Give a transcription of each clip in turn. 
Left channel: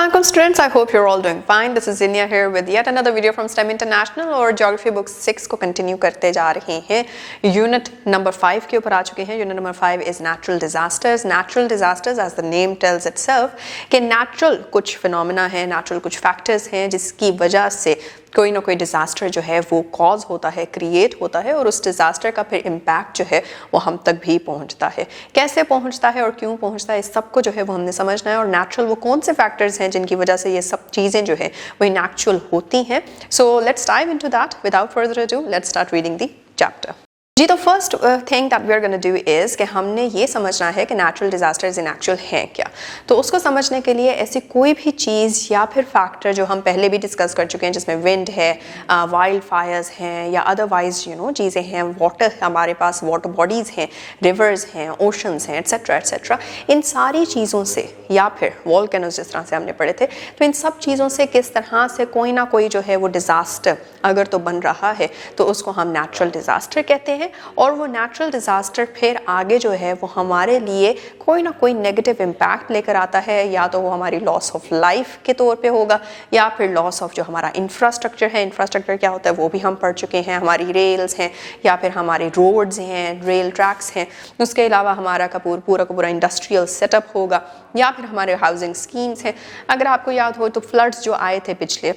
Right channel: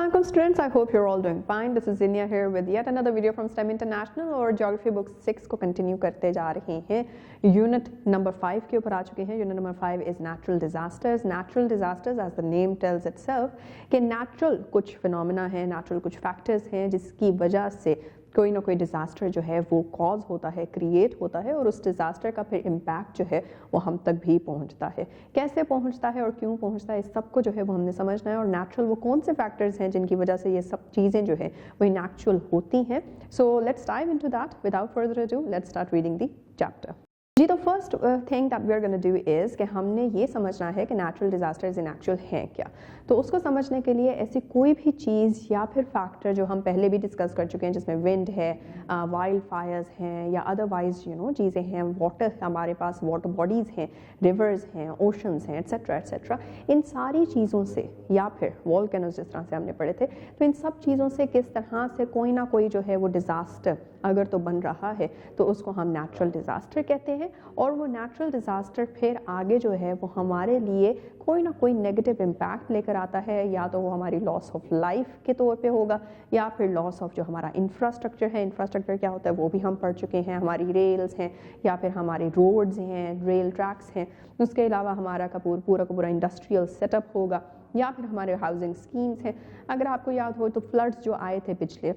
Assalamualaikum students, I hope you're all doing fine. This is Zinia here with yet another video from STEM International और Geography Book 6 को continue करते जा रहे हैं. Unit number 5 के ऊपर आ चुके हैं. Unit number 5 is natural disasters. Natural disasters as the name tells itself कि natural कुछ फिनोमेना है, natural कुछ फैक्टर्स हैं जिसकी वजह से कोई ना कोई डिज़ास्टर जो है वो कॉज होता है, क्रिएट होता है और उस डिज़ास्टर का फिर इम्पैक्ट जो है वो हम तक भी पहुंचता है. कैसे पहुंचता है और क्यों पहुंचता है इस सब को जो है वो हमने समझना है. और नेचुरल वो कौन से फैक्टर्स हैं जिनकी वजह से ये सब चीज़ें जो है वो नेचुरल होती हैं. So let's dive into that. Without further ado let's start reading the chapter. जी, तो first thing that we are gonna do is कि हमने ये समझना है कि नेचुरल डिज़ास्टर्स इन एक्चुअल हैं क्या. तो उसको समझने के लिए ऐसी कोई भी चीज़ या फिर फैक्टर जो हम पहले भी डिस्कस कर चुके हैं जिसमें विंड है, वाइल्ड फायर्स हैं या अदरवाइज चीज़ें हैं, वाटर हमारे पास वाटर बॉडीज़ हैं, रिवर्स हैं, ओशंस हैं, एट्सेट्रा एट्सेट्रा, इन सारी चीज़ों से या फिर वॉल्केनोज जिस तरह से हमने पढ़े थे, तो इन सब चीज़ों से किस तरह से कोई ना कोई जो है वो डिज़ास्टर अगर तो बन रहा है तो उसको हम नेचुरल डिज़ास्टर कहते हैं. और वो नेचुरल डिज़ास्टर फिर आगे जो है वो हमारे लिए कोई ना कोई नेगेटिव इम्पैक्ट लेकर आता है. या तो वो हमारी लॉस ऑफ लाइफ के तौर पे होगा या फिर लॉस ऑफ जो हमारा इंफ्रास्ट्रक्चर है. इंफ्रास्ट्रक्चर क्या होता है वो भी हम पढ़ चुके हैं. हमारी रेल्स हैं या फिर हमारे रोड्स हैं, रेल ट्रैक्स हैं. उसके अलावा हमारा पूरा का पूरा इंडस्ट्रियल सेटअप होगा या फिर हमारे हाउसिंग स्कीम्स हैं. अगर आपको याद हो तो फ्लड्स जो आए थे पिछले,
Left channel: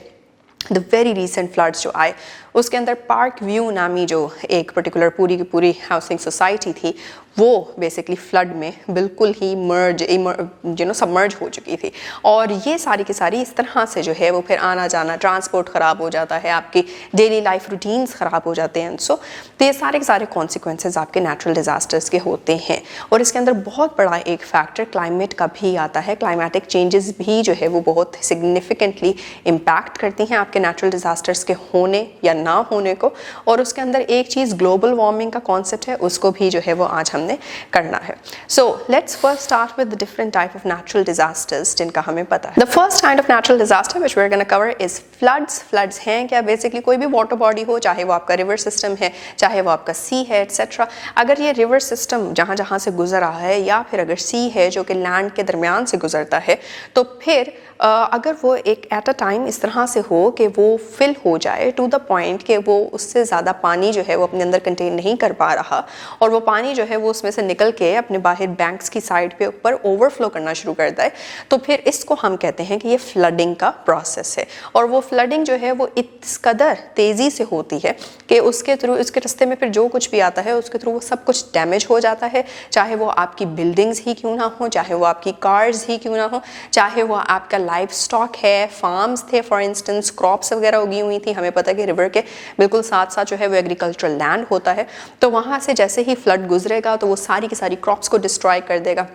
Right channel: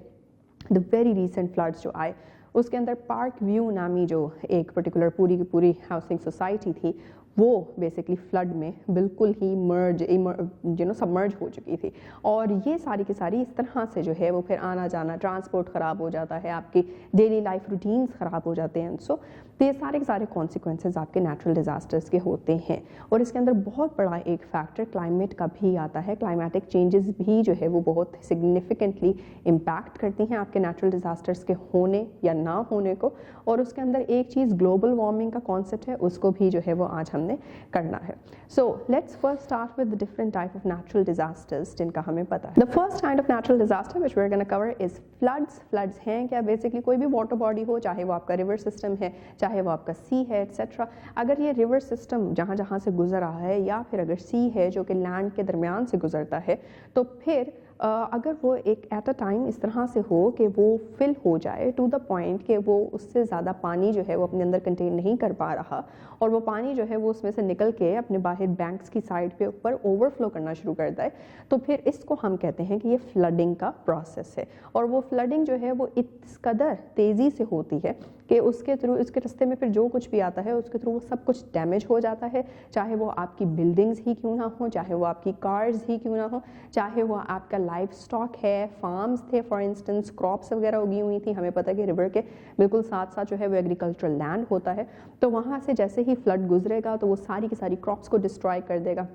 द वेरी रिसेंट फ्लड्स जो आए, उसके अंदर पार्क व्यू नामी जो एक पर्टिकुलर पूरी की पूरी हाउसिंग सोसाइटी थी वो बेसिकली फ्लड में बिल्कुल ही सबमर्ज हो चुकी थी. और ये सारी की सारी इस तरह से जो है वो फिर आना जाना, ट्रांसपोर्ट ख़राब हो जाता है, आपकी डेली लाइफ रूटीन्स ख़राब हो जाते हैं. सो तो ये सारे के सारे कॉन्सिक्वेंसेज आपके नेचुरल डिज़ास्टर्स के होते हैं. और इसके अंदर बहुत बड़ा एक फैक्टर क्लाइमेट का भी आता है. क्लाइमेटिक चेंजेस भी जो है वो बहुत सिग्निफिकेंटली इम्पैक्ट करती हैं आपके नेचुरल डिज़ास्टर्स के होने या ना होने को. और उसके अंदर एक चीज़ ग्लोबल वार्मिंग का कॉन्सेप्ट है, उसको भी जो है वो आज हमने करना है. So let's first start with the different type of natural disasters जिनका हमें पता है. The first kind of natural disaster which we are gonna cover is floods. Floods हैं क्या? बेसिकली कोई भी वाटर बॉडी हो, चाहे वो आपका रिवर सिस्टम है, चाहे वो आपका सी है, एट्सेट्रा. अगर ये रिवर सिस्टम जहाँ जहाँ से गुजर रहा है या फिर अगर सी है जो कि लैंड के दरमियान से गुजरता है, तो फिर अगर वो एक एट अ टाइम इस तरह से हो कि वो फिल हो जाए टू द पॉइंट कि वो उससे ज़्यादा पानी जो है वो अपने अंदर कंटेन नहीं कर पा रहा और वो पानी जो है वो उसमें से निकल के अपने बाहर बैंक्स की साइड पे ऊपर ओवरफ्लो करना शुरू करता है, तो फिर इसको हम कहते हैं कि ये फ्लडिंग का प्रोसेस है. और वो फ्लडिंग जो है वो इस कदर तेज़ी से होती है कि उसके थ्रू, उसके रास्ते में फिर जो कुछ भी आता है उसके थ्रू वो सब कुछ डैमेज हो जाता है. चाहे वो आपकी बिल्डिंग्स ही क्यों ना हो, चाहे वो आपकी कार्स ही क्यों ना हो, चाहे वो आपका लाइफ स्टॉक है, फार्म्स थे, फॉर इंस्टेंस क्रॉप्स वगैरह उगी हुई थी. हमें पता है कि रिवर के बिल्कुल साथ साथ जो है वो एग्रीकल्चरल लैंड होता है. तो वहाँ से जैसे ही फ्लड गुजरेगा तो वो सारी की सारी क्रॉप्स को डिस्ट्रॉय कर देगा,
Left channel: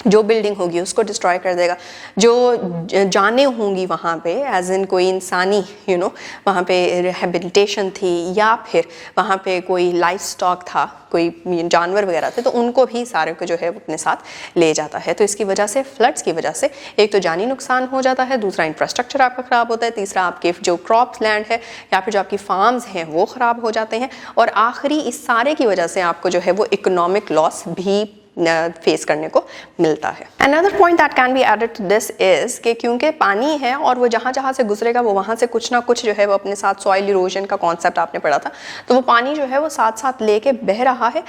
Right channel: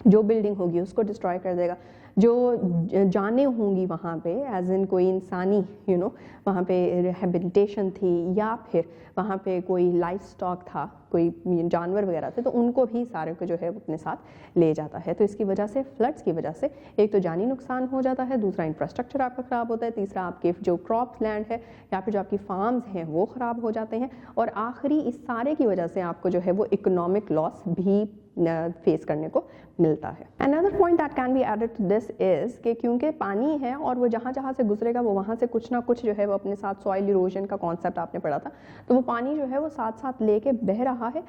जो बिल्डिंग होगी उसको डिस्ट्रॉय कर देगा, जो जानें होंगी वहाँ पे एज इन कोई इंसानी वहाँ पे रिहेबिलिटेशन थी या फिर वहाँ पे कोई लाइफ स्टॉक था, कोई जानवर वगैरह थे, तो उनको भी सारे को जो है अपने साथ ले जाता है. तो इसकी वजह से, फ्लड्स की वजह से एक तो जानी नुकसान हो जाता है, दूसरा इंफ्रास्ट्रक्चर आपका ख़राब होता है, तीसरा आपके जो क्रॉप्स लैंड है या फिर जो आपकी फार्म्स हैं वो ख़राब हो जाते हैं, और आखिरी इस सारे की वजह से आपको जो है वो इकोनॉमिक लॉस भी फेस करने को मिलता है. Another point that can be added to this is कि क्योंकि पानी है और वो जहाँ जहाँ से गुजरेगा वो वहाँ से कुछ ना कुछ जो है वो अपने साथ सॉइल इरोजन का कॉन्सेप्ट आपने पढ़ा था, तो वो पानी जो है वो साथ साथ लेके बह रहा है.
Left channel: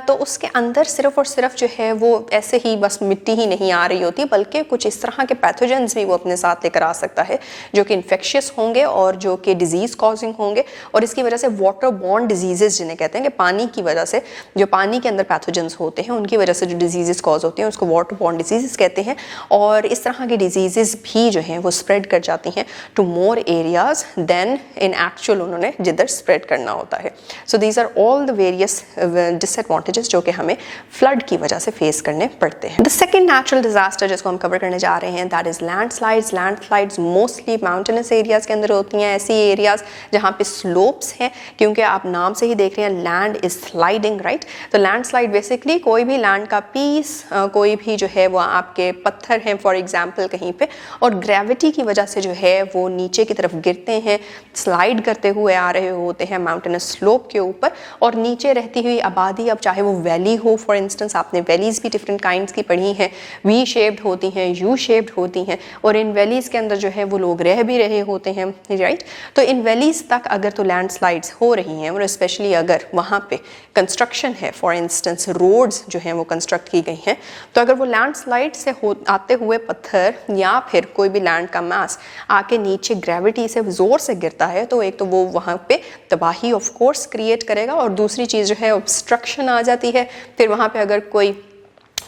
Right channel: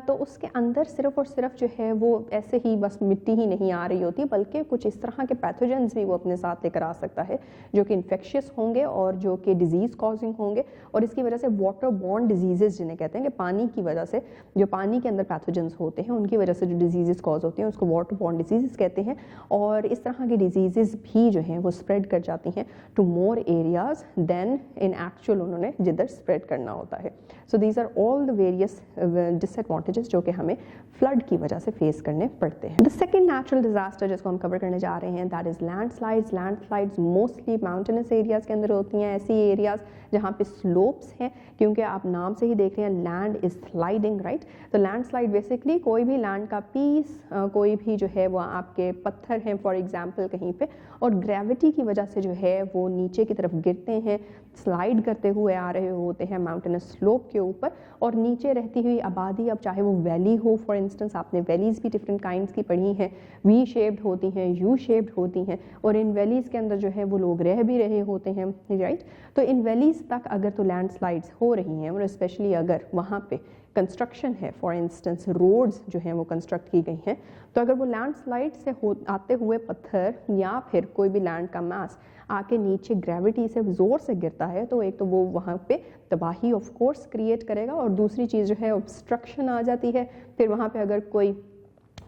तो उसके अंदर सिर्फ और सिर्फ जो है वो ऐसे ही बस मिट्टी ही नहीं आ रही होती, बल्कि कुछ इस तरह के पैथोजेंस भी वो अपने साथ लेकर आ सकता है जो कि इन्फेक्शियस होंगे और जो कि डिजीज़ कॉजिंग होंगे. और इसकी वजह से वाटर बॉर्न डिजीजेज जिन्हें कहते हैं कि पानी की वजह से जो पानी के अंदर पैथोजेंस होते हैं उनकी वजह से जो डिजीज़ कॉज होते हैं उसको वाटर बॉर्न डिजीज़ कहते हैं. और इस तरह की डिजीज़ भी जो हैं वो स्प्रेड कर जाती हैं to more areas than in actual उन्होंने जिधर स्प्रेड करना होता है. So these are all the various disadvantages जो कि हमें फ्लड की वजह से फेस करने पड़ते हैं. द सेकेंड नेचुरल डिजास्टर जिसको हम कवर करने जा रहे हैं that is landslides. Landslides mostly mountainous areas के अंदर होती हैं, ऐसी एरियाज़ जहाँ पे स्लोप्स हैं, क्योंकि आप नाम से ही देख रहे हैं लैंड इज़ स्लाइडिंग, राइट. तो लैंडस्लाइड बेसिकली कोई भी लैंड का पीस, कोई भी जो है वो आपके पत्थर हैं फॉर एग्जांपल कहीं पे, और ग्रेविटी की वजह से जो है वो नीचे की तरफ गिरते हैं, स्लाइड करते हुए आ रहे होते हैं माउंटेनस स्लोप के ऊपर, और नीचे रहती हुई आबादी, अब चाहे वो वैली हो, फॉर इंस्टेंस आपने वैलीज़ भी डिफरेंट काइंड्स की पढ़ी हैं, वी शेप्ड होती हैं, यू शेप्ड होती हैं, और इन वैलीज़ के अंदर जो है वो लोग रह भी रहे होते हैं, राइट। तो इन वैलीज़ तक अगर तो लैंडस्लाइड्स हो रही हैं, और स्पेशली अगर वहाँ पे कंस्ट्रक्शन है, फॉर इंस्टेंस रोड्स जो हैं वो कंस्ट्रक्ट की गई हैं, तो अगर वो लैंडस्लाइड से आते हुए पत्थर या फिर कोई भी लैंड का मास आके नीचे ग्रेविटी से ज़ोर से गिरता है, तो एक तो वो वहाँ पे तबाही ऑफ कोर्स क्रिएट करेगा, और दूसरी चीज़ जो है ऑब्स्ट्रक्शन आ जाती है। फिर वहाँ पे अगर कोई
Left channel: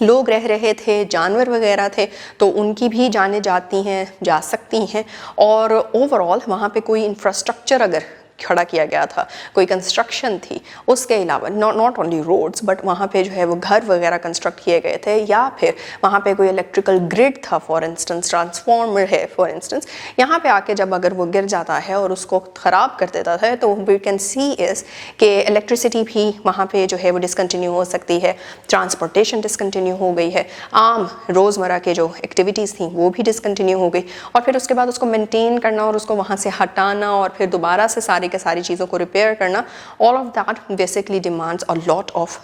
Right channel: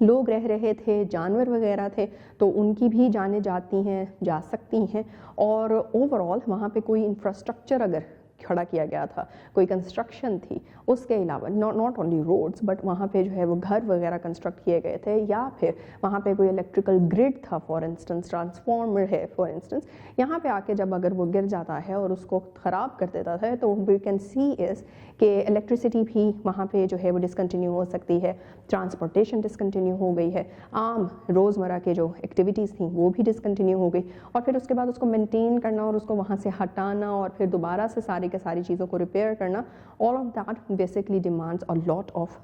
लोग रह रहे थे, जानवर वगैरह थे, तो उनकी भी जानें जाती हैं, जा सकती हैं, और ओवरऑल वहाँ पे कोई इंफ्रास्ट्रक्चर अगर खड़ा किया गया था, कोई कंस्ट्रक्शन थी, उसके अलावा नॉट ओनली रोड्स बट वहाँ पे जो है वो घर वगैरह कंस्ट्रक्ट किए गए थे, या फिर वहाँ पे कोई इलेक्ट्रिकल ग्रिड था, फॉर इंस्टेंस ट्रांसफार्मर है फॉर इंस्टेंस, यहाँ पे आके जब अगर वो गिर जाता है और उसको ख़राब कर देता है, तो वी कैन सी इज़ कि इलेक्ट्रिसिटी भी वहाँ पे जो है वो डिसकंटिन्यू हो सकती है, ट्रांसपोर्टेशन डिसकंटिन्यू हो गई है, आम रोज़मर्रा के जो एक्टिविटीज़ थी वो भी डिसकंटिन्यू हो गई, और फिर उसके बाद उसको मेनटेन करना और उसको वहाँ से हटाना और फिर दोबारा से सारी चीज़ों को रिपेयर करना, all of that basically demands a lot of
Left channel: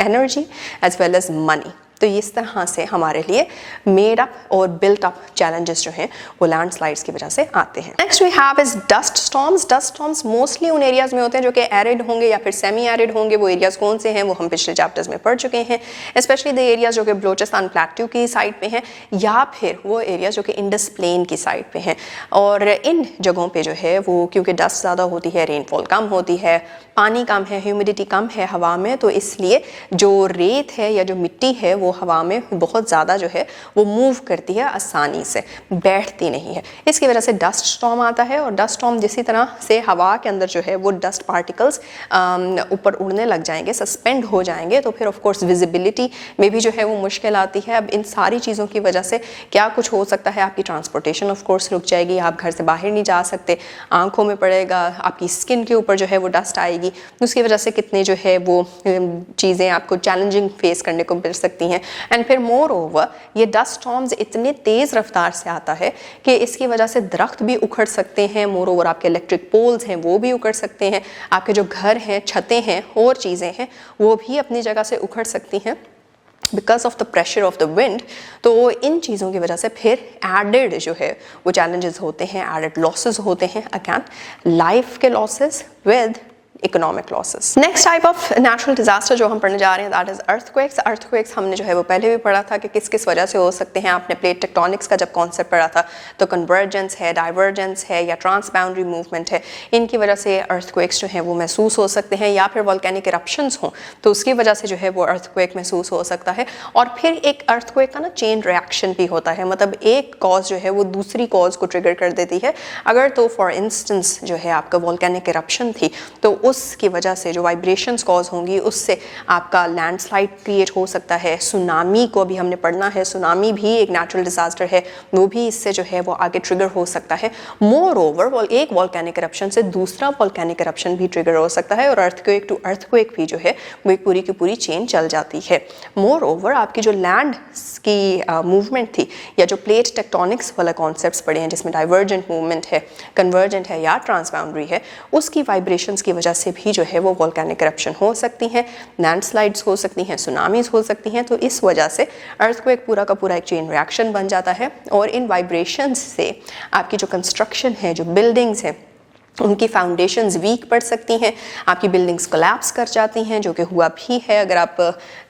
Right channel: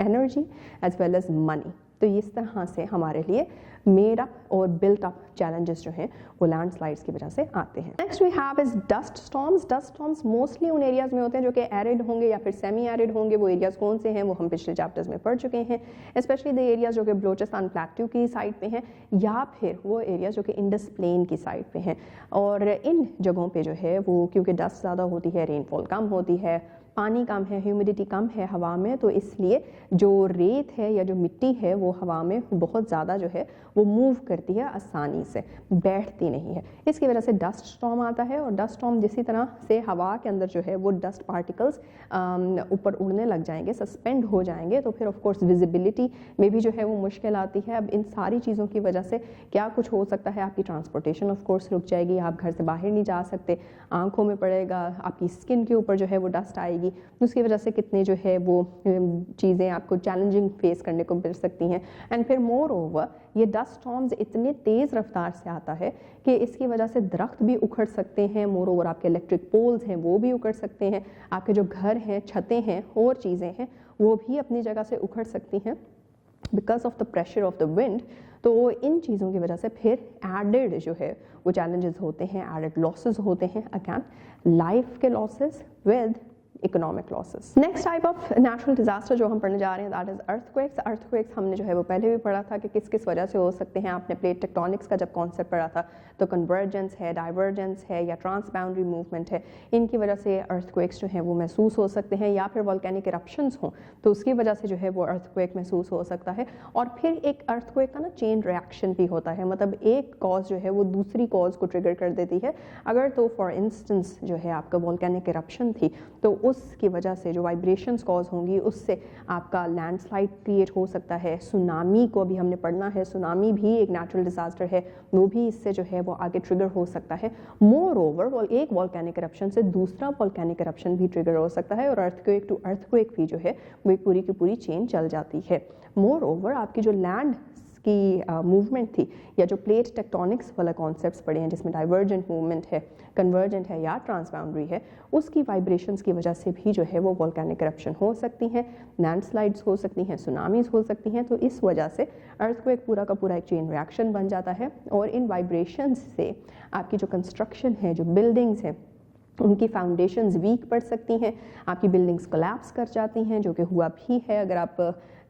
energy as well as money. तो इस तरह से हमारे लिए मेड अप और बिल्ट अप चैलेंजेस जो हैं वो लैंडस्लाइड्स की वजह से आते हैं। Next we have is dust storms. Dust storms mostly उन एरियाज में होते हैं जो कि एरिड होंगे या फिर सेमी एरिड होंगे। वो एरियाज कौन से हैं वो हम पिछले चैप्टर्स में पढ़ चुके हैं, स्पेशली द एरियाज जो कि बलोचिस्तान प्लेट्यू की साइड पे हैं या फिर वो एरियाज जो कि इंडस प्लेन की साइड पे हैं। और इन जगहों पे जो है वो क्योंकि डस्ट ज़्यादा होती है, रेनफॉल कम होती है, पानी कम है, ह्यूमिडिटी कम है हवा में, तो इसलिए जो रेत है या जो मिट्टी है वो हवा में बहुत ज़्यादा जो है वो मूव करती है, आसानी से बैठती नहीं है। इसकी वजह से डस्ट स्टॉर्म आता है। और डस्ट स्टॉर्म जिसी तरह से हवा के अंदर जो है वो डस्ट पार्टिकल्स ऊपर उड़ने लग जाएंगे, सस्पेंड हो जाएंगे, तो फिर ऑफ कोर्स विजिबिलिटी में भी जो है वो मुश्किल आती है। अब इन सारी चीज़ों की वजह से क्या कुछ हो सकता है, आपकी ट्रांसपोर्टेशन ऑफ कोर्स रुक जाएगी, आप घर से बाहर नहीं जा सकते, आंखों में पड़ेगा, आपकी स्किन के ऊपर जो है वो डस्ट आएगी, उसकी वजह से कितने जो है वो चीज़ें आपको चैलेंजिंग फेस करने को मिल सकती हैं। एंड फिर मोर ओवर ये डस्ट स्टॉर्म्स इतने तेज़ रफ्तार से आता है कि इसकी वजह से दरख्त भी उखड़ सकते हैं, मोर ओवर आपके इलेक्ट्रिक पोल्स हैं वो भी उखड़ सकते हैं, आपके जो घर हैं, छतें हैं और चीज़ें हैं वो भी अपनी जगह से उखड़ सकती हैं because of the pressure of the wind. तो इन चीज़ों की वजह से फिर एडेड जो है वो चैलेंजेस होते हैं, एडेड लॉसेस होते हैं, अगेन लाइफ के losses with economic losses. Next type of natural disaster जो हम पढ़ने जा रहे हैं दैट इज अर्थक्वेक्स। अर्थक्वेक्स हमने जो है वो पहले भी पढ़ा था कि किस किस वजह से हो सकते हैं। आपने प्लेट टेक्टोनिक्स का जब कॉन्सेप्ट पढ़ा था तो कन्वर्जेंस है, डाइवर्जेंस है या ट्रांस बाउंड्री मूवमेंट है, इनकी वजह से अर्थक्वेक्स जो है वो महसूस हो सकते हैं, या फिर वोल्केनिक इरप्शंस हों तो उसकी वजह से जो है वो अर्थक्वेक महसूस हो सकता है। और फिर एक अर्थक्वेक का ना चेन रिएक्शन भी होता है, मतलब एक कॉज जो है वो दूसरी कॉज को ट्रिगर कर देती है। अगर तो फॉर इंस्टेंस जो है आपका वोल्केनिक इरप्शन थी तो उसकी वजह से जो वाइब्रेशंस कॉज होंगी उससे आपका लैंडस्लाइड क्रिएट हो सकता है। सुनामी को भी हमने पढ़ना है, सुनामी भी एक नेचुरल डिजास्टर है, वो भी इससे जो है वो आगे ट्रिगर हो सकता है। मोर ओवर एक वोल्केनिक इरप्शन से दूसरा वोल्केनिक इरप्शन भी ट्रिगर हो सकता है और अर्थक्वेक टू अर्थक्वेक भी जो है वो एक पूरी की पूरी चेन चल जाती है। मोर ओवर आपकी जो लैंड की मूवमेंट थी या जो प्लेट टेक्टोनिक्स वाला कॉन्सेप्ट्स पढ़े हैं जिसमें डाइवर्जेंट मूवमेंट है, कन्वर्जेंट है या ट्रांसबाउंड्री है, उसकी वाइब्रेशंस की वजह से भी जो है वो वोल्केनिक इरप्शन हो सकती हैं, लैंडस्लाइड्स हो सकती हैं, सुनामीज हो सकती हैं। तो इस वजह से अर्थक्वेक पूरा का पूरा एक चेन रिएक्शन बन जाता है और इन वाइब्रेशंस से आपकी जो कंस्ट्रक्शन है, जो बिल्डिंग्स हैं, उनकी फाउंडेशंस वीक पड़ सकती हैं, आपकी बिल्डिंग्स कोलैप्स कर जाती हैं, जो कि हुआ भी है। अगर आप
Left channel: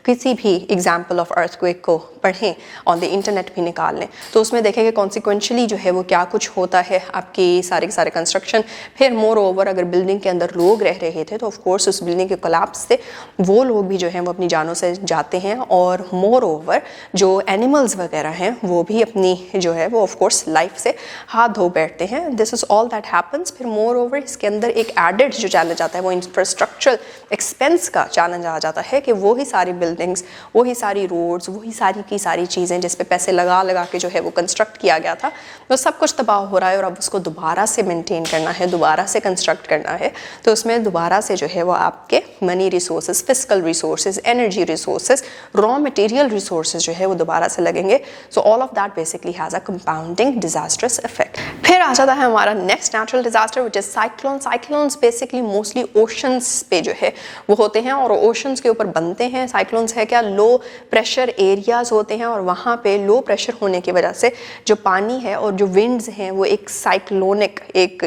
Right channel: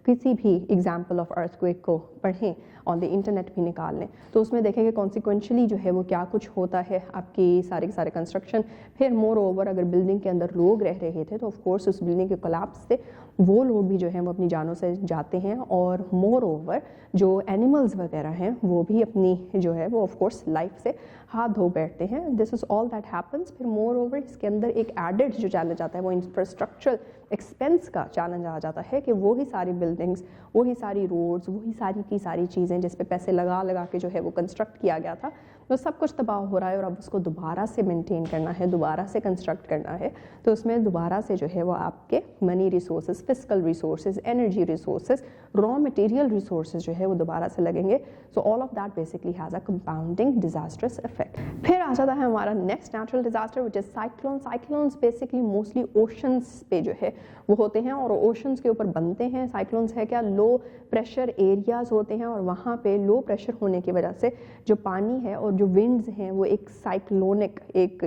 किसी भी एग्जाम्पल ऑफ अर्थक्वेक को पढ़ें, ऑन द इंटरनेट भी निकाल लें, तो उसमें देखेंगे कॉन्सिक्वेंशली जो है वो क्या कुछ होता है, आपकी सारे के सारे कंस्ट्रक्शन। फिर मोर ओवर अगर बिल्डिंग के अंदर लोग रह रहे थे तो ऑफ कोर्स उस बिल्डिंग के कोलैप्स से वो लोग भी जो हैं वो अपनी जानों से जाते हैं, और मोर ओवर जो एनिमल्स वगैरह हैं वो भी अपनी जो है वो ऑफ कोर्स लाइफ से हाथ धो बैठते हैं। This is all that happens. फिर मोर ओवर इसके अंदर एक एडेड जो चैलेंज आता है वो इंफ्रास्ट्रक्चरल एक्सपेंस का चैलेंज आ जाता है कि वही सारी बिल्डिंग्स, वही सारी रोड्स, वही सारी की सारी चीज़ें जिस पे पैसे लगा लगा के जो है वो कंस्ट्रक्ट किया गया था, वो सब कुछ तबाह हो रहा है और अब उसको दोबारा से मेंटेन करना है, दोबारा से कंस्ट्रक्ट करना है। तो उसमें दोबारा से जो है वो आपके money resources, physical resources, energy resources, raw material resources जो है वो दोबारा से लगेंगे। So all of that basically has a compounding disastrous effect. फिर आ जाता है हमारा next natural disaster which is cyclone. Cyclones basically mostly oceans पे जो है वो होते हैं और ओशंस के ऊपर बनते हैं। साइक्लोन्स है क्या, लो प्रेशर एरियाज होते हैं और वहाँ पे लो प्रेशर होने की वजह से जो पानी है और जो विंड्स हैं वो एक साइक्लोनिक, एक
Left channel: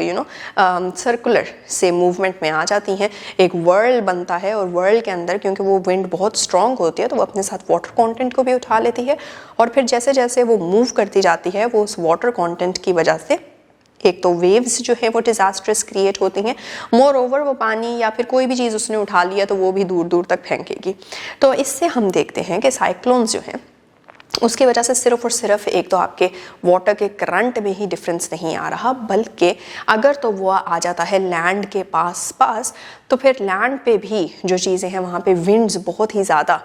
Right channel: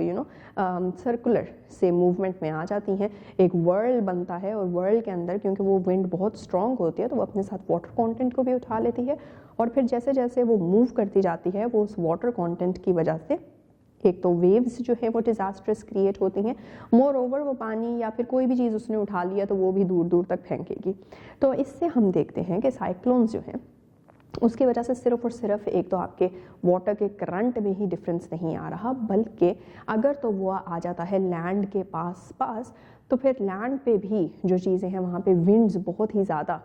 सर्कुलर से मूवमेंट में आ जाती हैं, एक वर्ल बनता है और वर्ल के अंदर क्योंकि वो विंड बहुत स्ट्रॉन्ग होती है तो वो अपने साथ वाटर कंटेंट को भी उठा लेती है और फिर जैसे जैसे वो मूव करती जाती है वो उस वाटर कंटेंट की वजह से एक तो वेव्स जो है वो डिजास्ट्रस क्रिएट होती हैं, मोर ओवर वो पानी या फिर कोई भी चीज़ उसने उठा लिया तो वो भी दूर दूर तक फेंकेगी। तो इससे हम देखते हैं कि साइक्लोन्स जो हैं उसकी वजह से सिर्फ और सिर्फ एक तो आपके वाटर के करंट में ही डिफरेंस नहीं आ रहा, बल्कि अगर तो वो आ जाता है लैंड के पास तो फिर लैंड पे भी जो चीज़ें हैं वहाँ पे विंड्स बहुत ही ज़्यादा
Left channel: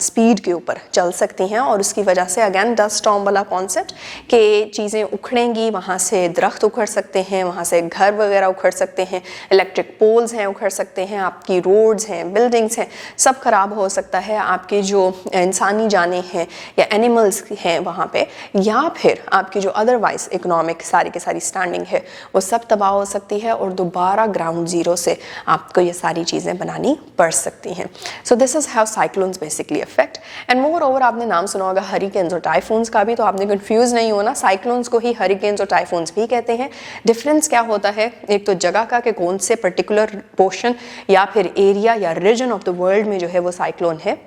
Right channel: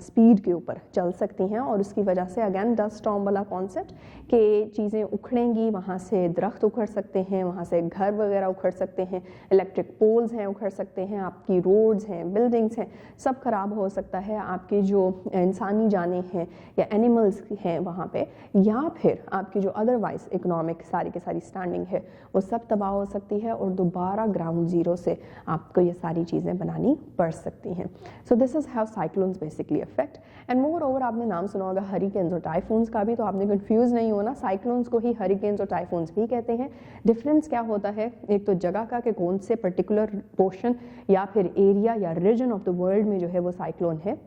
स्पीड के ऊपर चल सकती हैं और उसकी वजह से अगेन डस्ट स्टॉर्म वाला कॉन्सेप्ट कि चीज़ें उखड़ेंगी, वहाँ से दरख्त उखड़ सकते हैं, वहाँ से घर वगैरह उखड़ सकते हैं, इलेक्ट्रिक पोल्स हैं उखड़ सकते हैं, आपकी रोड्स हैं, बिल्डिंग्स हैं, सब खराब हो सकता है, आपकी जो इंसानी जानें हैं या एनिमल्स हैं वहाँ पे, या फिर आपकी जो अदरवाइज इकोनॉमिक सारी की सारी स्टैंडिंग है वो सब तबाह हो सकती है और दोबारा ग्राउंड जीरो से आपको ये सारी चीज़ें बनानी पड़ सकती हैं। सो this is how cyclones basically affect. And more over आपने नाम सुना होगा हरिकेन्स और टाइफून्स का भी, तो आपने कंफ्यूज नहीं होना, साइक्लोन्स को ही हरिकेन्स और टाइफून्स भी कहते हैं। डिफरेंस क्या होता है, एक तो जगह का कि कौन से पर्टिकुलर पोर्शन या फिर एरिया या रीजन ऑफ द वर्ल्ड में जो है वो साइक्लोन है,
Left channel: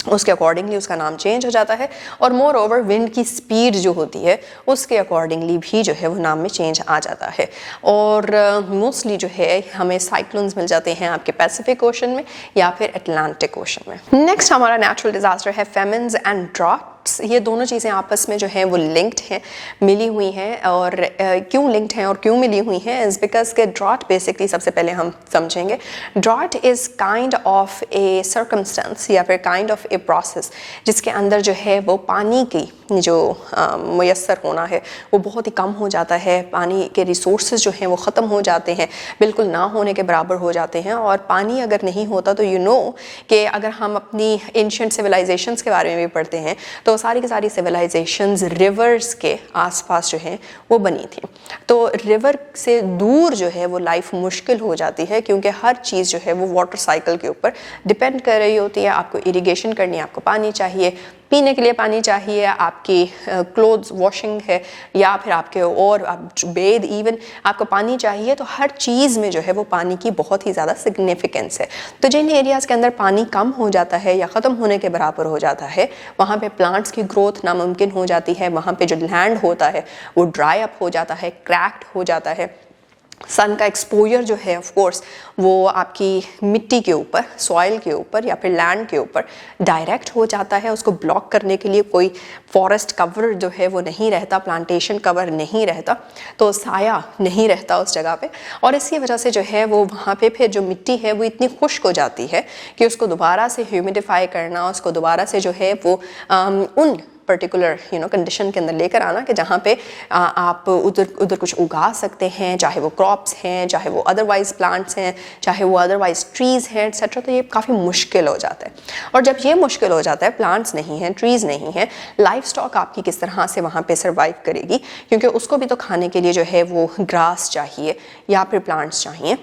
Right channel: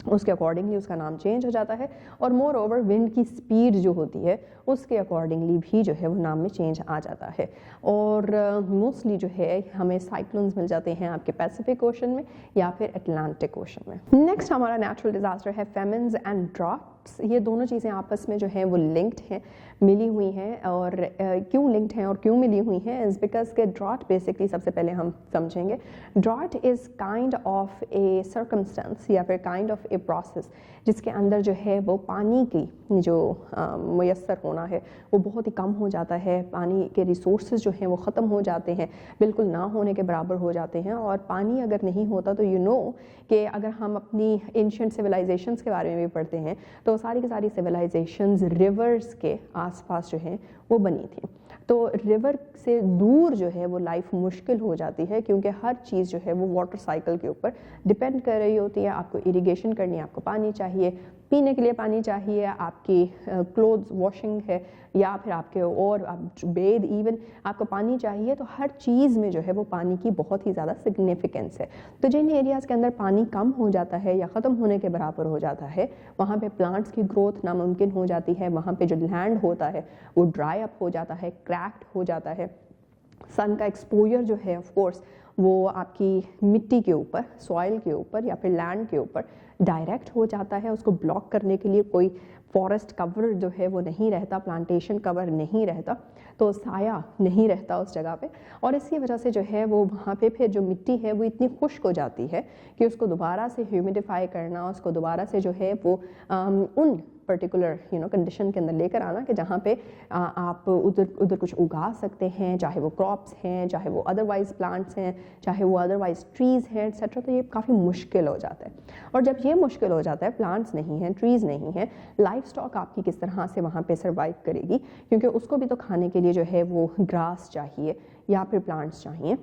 उसके अकॉर्डिंगली उसका नाम चेंज हो जाता है और मोर ओवर विंड की स्पीड जो होती है उसके अकॉर्डिंगली भी जो है वो नाम में चेंज आ जाता है। और मोस्टली जो है हमें साइक्लोन्स मिल जाते हैं आपके पैसिफिक ओशन में या फिर अटलांटिक ओशन में। नेक्स्ट हमारा नेचुरल डिजास्टर है फेमिन्स एंड ड्रॉट। ये दोनों चीज़ें आपस में जो हैं वो लिंक्ड हैं, मिली हुई हैं। और क्यों लिंक्ड हैं और क्यों मिली हुई हैं इज़ बिकॉज के ड्रॉट बेसिकली सबसे पहले हम समझेंगे, drought is kind of a circumstance या फिर काइंड ऑफ ए प्रोसेस जिसके अंदर जो है वो पानी की जो मुयस्सर होना है वो बहुत ही कम हो जाता है, पानी के रिसोर्सेज जो हैं वो ख़त्म हो जाते हैं, बिल्कुल ना होने के बराबर हो जाते हैं। और पानी अगर नहीं होता तो कि अगर हम अपनी एंशिएंट सिविलाइजेशंस के बारे में भी पढ़ते हैं तो सारी की सारी सिविलाइजेशंस रिवर्स के आसपास जो हैं वो बनी थी। तो रिवर से दूर जो है वो लाइफ मुश्किल हो जाती है क्योंकि हर चीज़ जो है वो वाटर साइकिल के ऊपर डिपेंड कर रही होती है। आपको इरिगेशन करनी है, आपको पानी चाहिए, पीने के लिए पानी चाहिए, आपकी क्लोथ्स वॉशिंग है या फिर आपके और आप बेद इवन आपको पानी चाहिए। तो हर चीज़ में जो है वो पानी की बहुत ही ज़्यादा सिग्निफिकेंस है। तो जिन एरियाज़ के अंदर पानी कम हो जाता है या ख़त्म होने के बराबर हो जाता है वहाँ पे प्लांट्स की ग्रोथ नामुमकिन हो जाती है, वहाँ पे जो लैंड होता है वो ड्राई अप हो जाता है, क्रैक्ड हो जाता है। सन का एक्सपोजर जो है ऑफ कोर्स वो आपकी मिट्टी के ऊपर, सॉइल के ऊपर या फिर लैंड के ऊपर डायरेक्ट हो जाता है। उसको ब्लॉक करने के लिए कोई फॉरेस्ट कवर जो है वो नहीं रहता, प्लांटेशन कवर नहीं रहता, तो साया नहीं रहता उस जगह पे। और इसकी वजह से जो है वो वहाँ पे फिर जो मिट्टी है वो इतनी खुश्क हो जाती है कि उसको दोबारा से ह्यूमिडिफाई करना, उसको दोबारा से जो है वो उन पर्टिकुलर कंडीशन के अंदर लेकर आना कि जहाँ पे आप उधर कुछ उगा सकते हैं, चाहे वो क्रॉप्स हैं, चाहे वो अदरवाइज प्लांट्स हैं, चाहे वो अदरवाइज ट्रीज़ हैं एक्सेट्रा। तो ये काफ़ी मुश्किल हो जाता है। और जब ये मुश्किल हो जाता है, प्लांट्स नहीं हैं, ट्रीज़ नहीं हैं, लाइफ स्टॉक आपकी किस तरह से वहाँ पे सर्वाइव करेगी, क्योंकि उसको भी तो खाने के लिए जो है वो ग्रास चाहिए या फिर प्लांट्स चाहिए।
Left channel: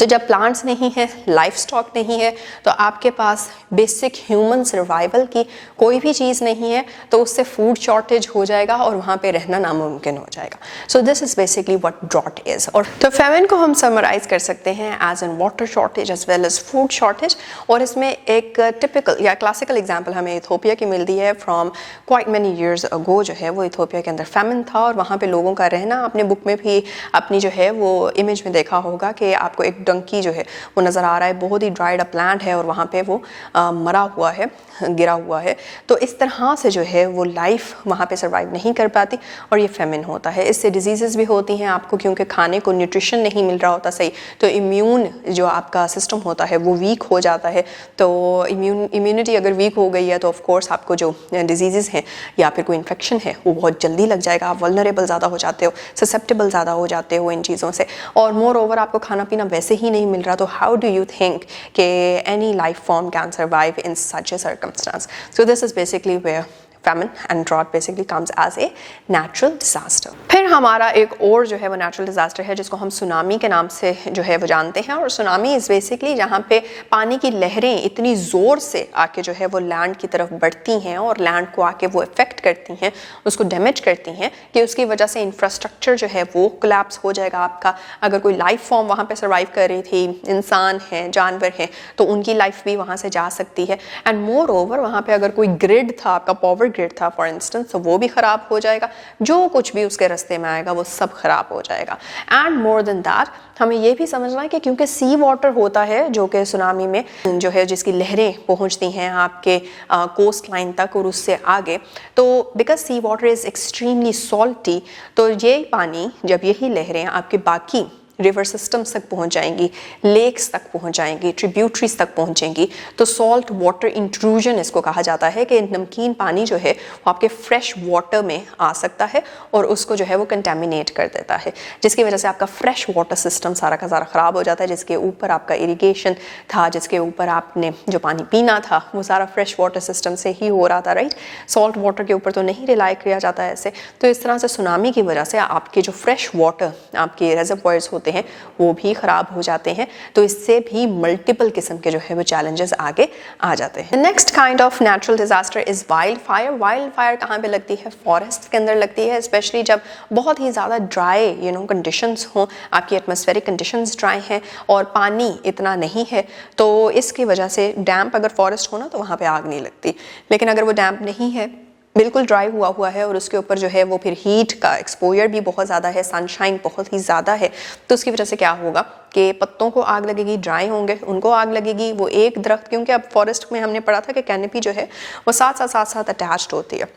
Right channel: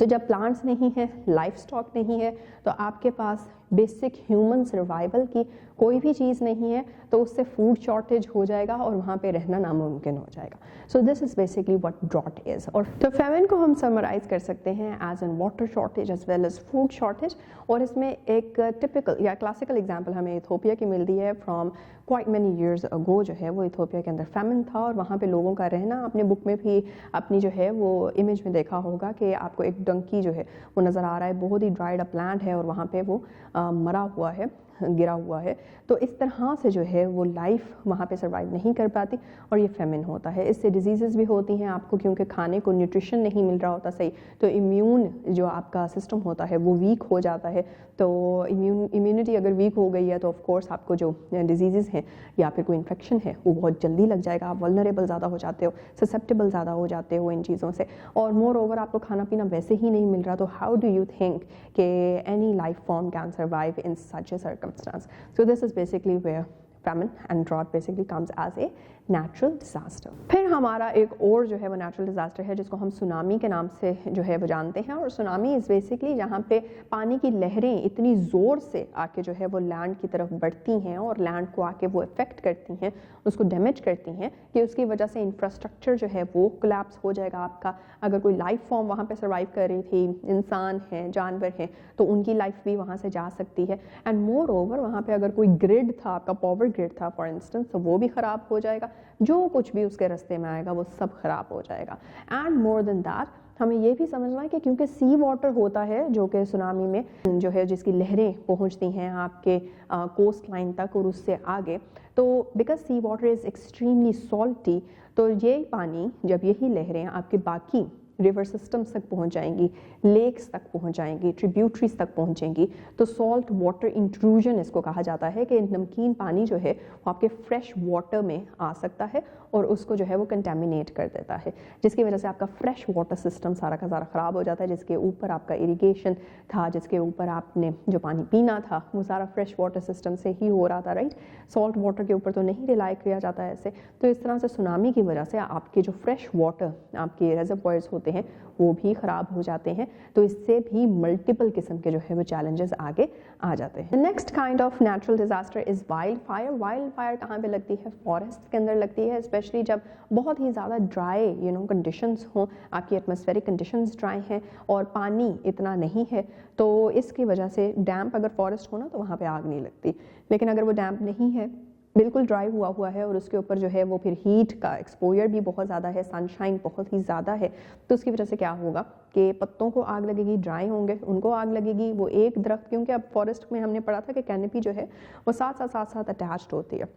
तो जब प्लांट्स नहीं है, लाइफ स्टॉक नहीं है, तो आपके पास बेसिक ह्यूमन सर्वाइवल की कोई भी चीज़ नहीं है, तो उससे फूड शॉर्टेज हो जाएगा और वहाँ पे रहना नामुमकिन हो जाएगा। So this is basically what drought is. और तो फेमिन को हम समराइज कर सकते हैं as an water shortage as well as food shortage. और इसमें एक टिपिकल या क्लासिकल एग्जाम्पल हमें इथोपिया की मिलती है from quite many years ago. जो है वो इथोपिया के अंदर फेमिन था और वहाँ पर लोगों का रहना, आपने बुक में भी अपनी जो है वो इमेज में देखा होगा कि आपको एक डंकी जो है वो नज़र आ रहा है, बहुत ही ड्राइड अप लैंड है और वहाँ पे वो मरा हुआ है, गिरा हुआ है। तो इस तरह से जो है वो लाइफ वहाँ पे सर्वाइव नहीं कर पाती और ये फेमिन होता है। इससे डिजीज़ेस भी होती हैं आपको, क्योंकि खाने को न्यूट्रिशन नहीं मिल रहा होता सही, तो इम्यून जो आपका सिस्टम होता है वो वीक हो जाता है। तो इम्यूनिटी अगर वीक हो गई है तो ऑफ कोर्स आपको जो डिजीज़ेस हैं या फिर कोई इन्फेक्शन है वो बहुत जल्दी लग जाएगा, आप वल्नरेबल ज़्यादा हो जाते हो, ससेप्टेबल ज़्यादा हो जाते हो इन चीज़ों से। और मोर ओवर आपको खाना पीना वैसे ही नहीं मिल रहा, तो हाउ डू यू थिंक कि any life form can survive in such A circumstance? So this is basically where famine and drought basically comes as a natural disaster. फिर हमारा एक और जो है वो natural disaster है जिसको हम सुनामी के नाम से जो है वो जानते हैं। और सुनामी इज़ बेसिकली जहाँ पे पानी की लहरें इतनी ज़ोर से आके जो है वो लैंड की तरफ बढ़ती हैं और लैंड को आके वो इफ़ेक्ट करती हैं, उसको डैमेज करती हैं, कि उसकी वजह से इंफ्रास्ट्रक्चर जो है वो कोलैप्स हो जाएगा आपका। अगर कोई लाइफ फॉर्म वहाँ पे सर्वाइव कर रही थी, इंसान हैं, जानवर हैं, तो उनकी लाइफ भी वहाँ से जा सकती है। एंड मोर ओवर वहाँ पे अगर कोई ग्रिड था, आपका पावर ग्रिड था फॉर इंस्टेंस, तो वो भी ख़राब हो जाएगा, जो कुछ भी उसके रास्ते में आएगा वो सब ख़राब हो जाएगा। एंड मोर देन दैट हमें ये भी समझना है कि क्योंकि सी वाटर होता है जो कि सुनामी में जो है जिसकी लहरें पहुंचती हैं आपके कोस्ट लाइन तक और उससे आगे, तो because sea water is extremely salty, तो ये पानी जब यही लहरें आपके बाकी रिवर सिस्टम्स तक पहुंच जाएंगी, लेक्स तक पहुंच जाएंगी, ट्रिब्यूटरीज तक पहुंचेंगी, तो सॉल्ट वाटर इंट्रूजन इसको कहा जाता है कि नमकीन पानी जो है वो आपके फ्रेश वाटर में आ सकता है और उसको जो है वो कंटेमिनेट कर देता है, जिसकी वजह से आपका फ्रेश वाटर सिस्टम सारा का सारा ख़राब हो जाता है। जिसके ऊपर आपका इरिगेशन था, जिसके ऊपर आपने जो पानी पीना था वो सारा फ्रेश वाटर सिस्टम से ही हो रहा था, राइट। सॉल्ट वाटर के ऊपर तो नहीं रिलाई किया जाता है ऐसे। तो इस तरह से सुनामी की वजह से आपके जो फ्रेश वाटर आपके रेजर्वॉयर्स होते हैं वो भी ख़राब हो जाते हैं। तो इससे भी मल्टीपल किस्म के जो है वो चैलेंजेस आगे आ जाते हैं। Next kind of natural disaster is wild fire. Wild fire कहाँ पे लगती है? फॉरेस्ट के अंदर लगती है, स्पेशली जब बहुत ही ज़्यादा ड्राई कंडीशंस हों, आपकी एटमॉस्फेरिक कंडीशंस ड्राई हैं और पानी इतना नहीं है, तो इसकी वजह से डैम्प अगर फॉरेस्ट हो ना तो वहाँ पर आग नहीं लगती। लेकिन अगर वो डैम्प नहीं है, बिल्कुल ड्राई हुआ है और उसके ऊपर जो है वो फिर हीट का एक्सपोजर भी बहुत ज़्यादा है, सनशाइन बहुत ही ज़्यादा है, तो उसकी वजह से क्या होगा कि पत्तों को आग लगेगी, ड्राई होंगे, उनको आग लगेगी। वो एक दरख्त, क्योंकि अब फॉरेस्ट में हमने पढ़ा था कि कैनोपी जो है वो साथ अटैच्ड होती है,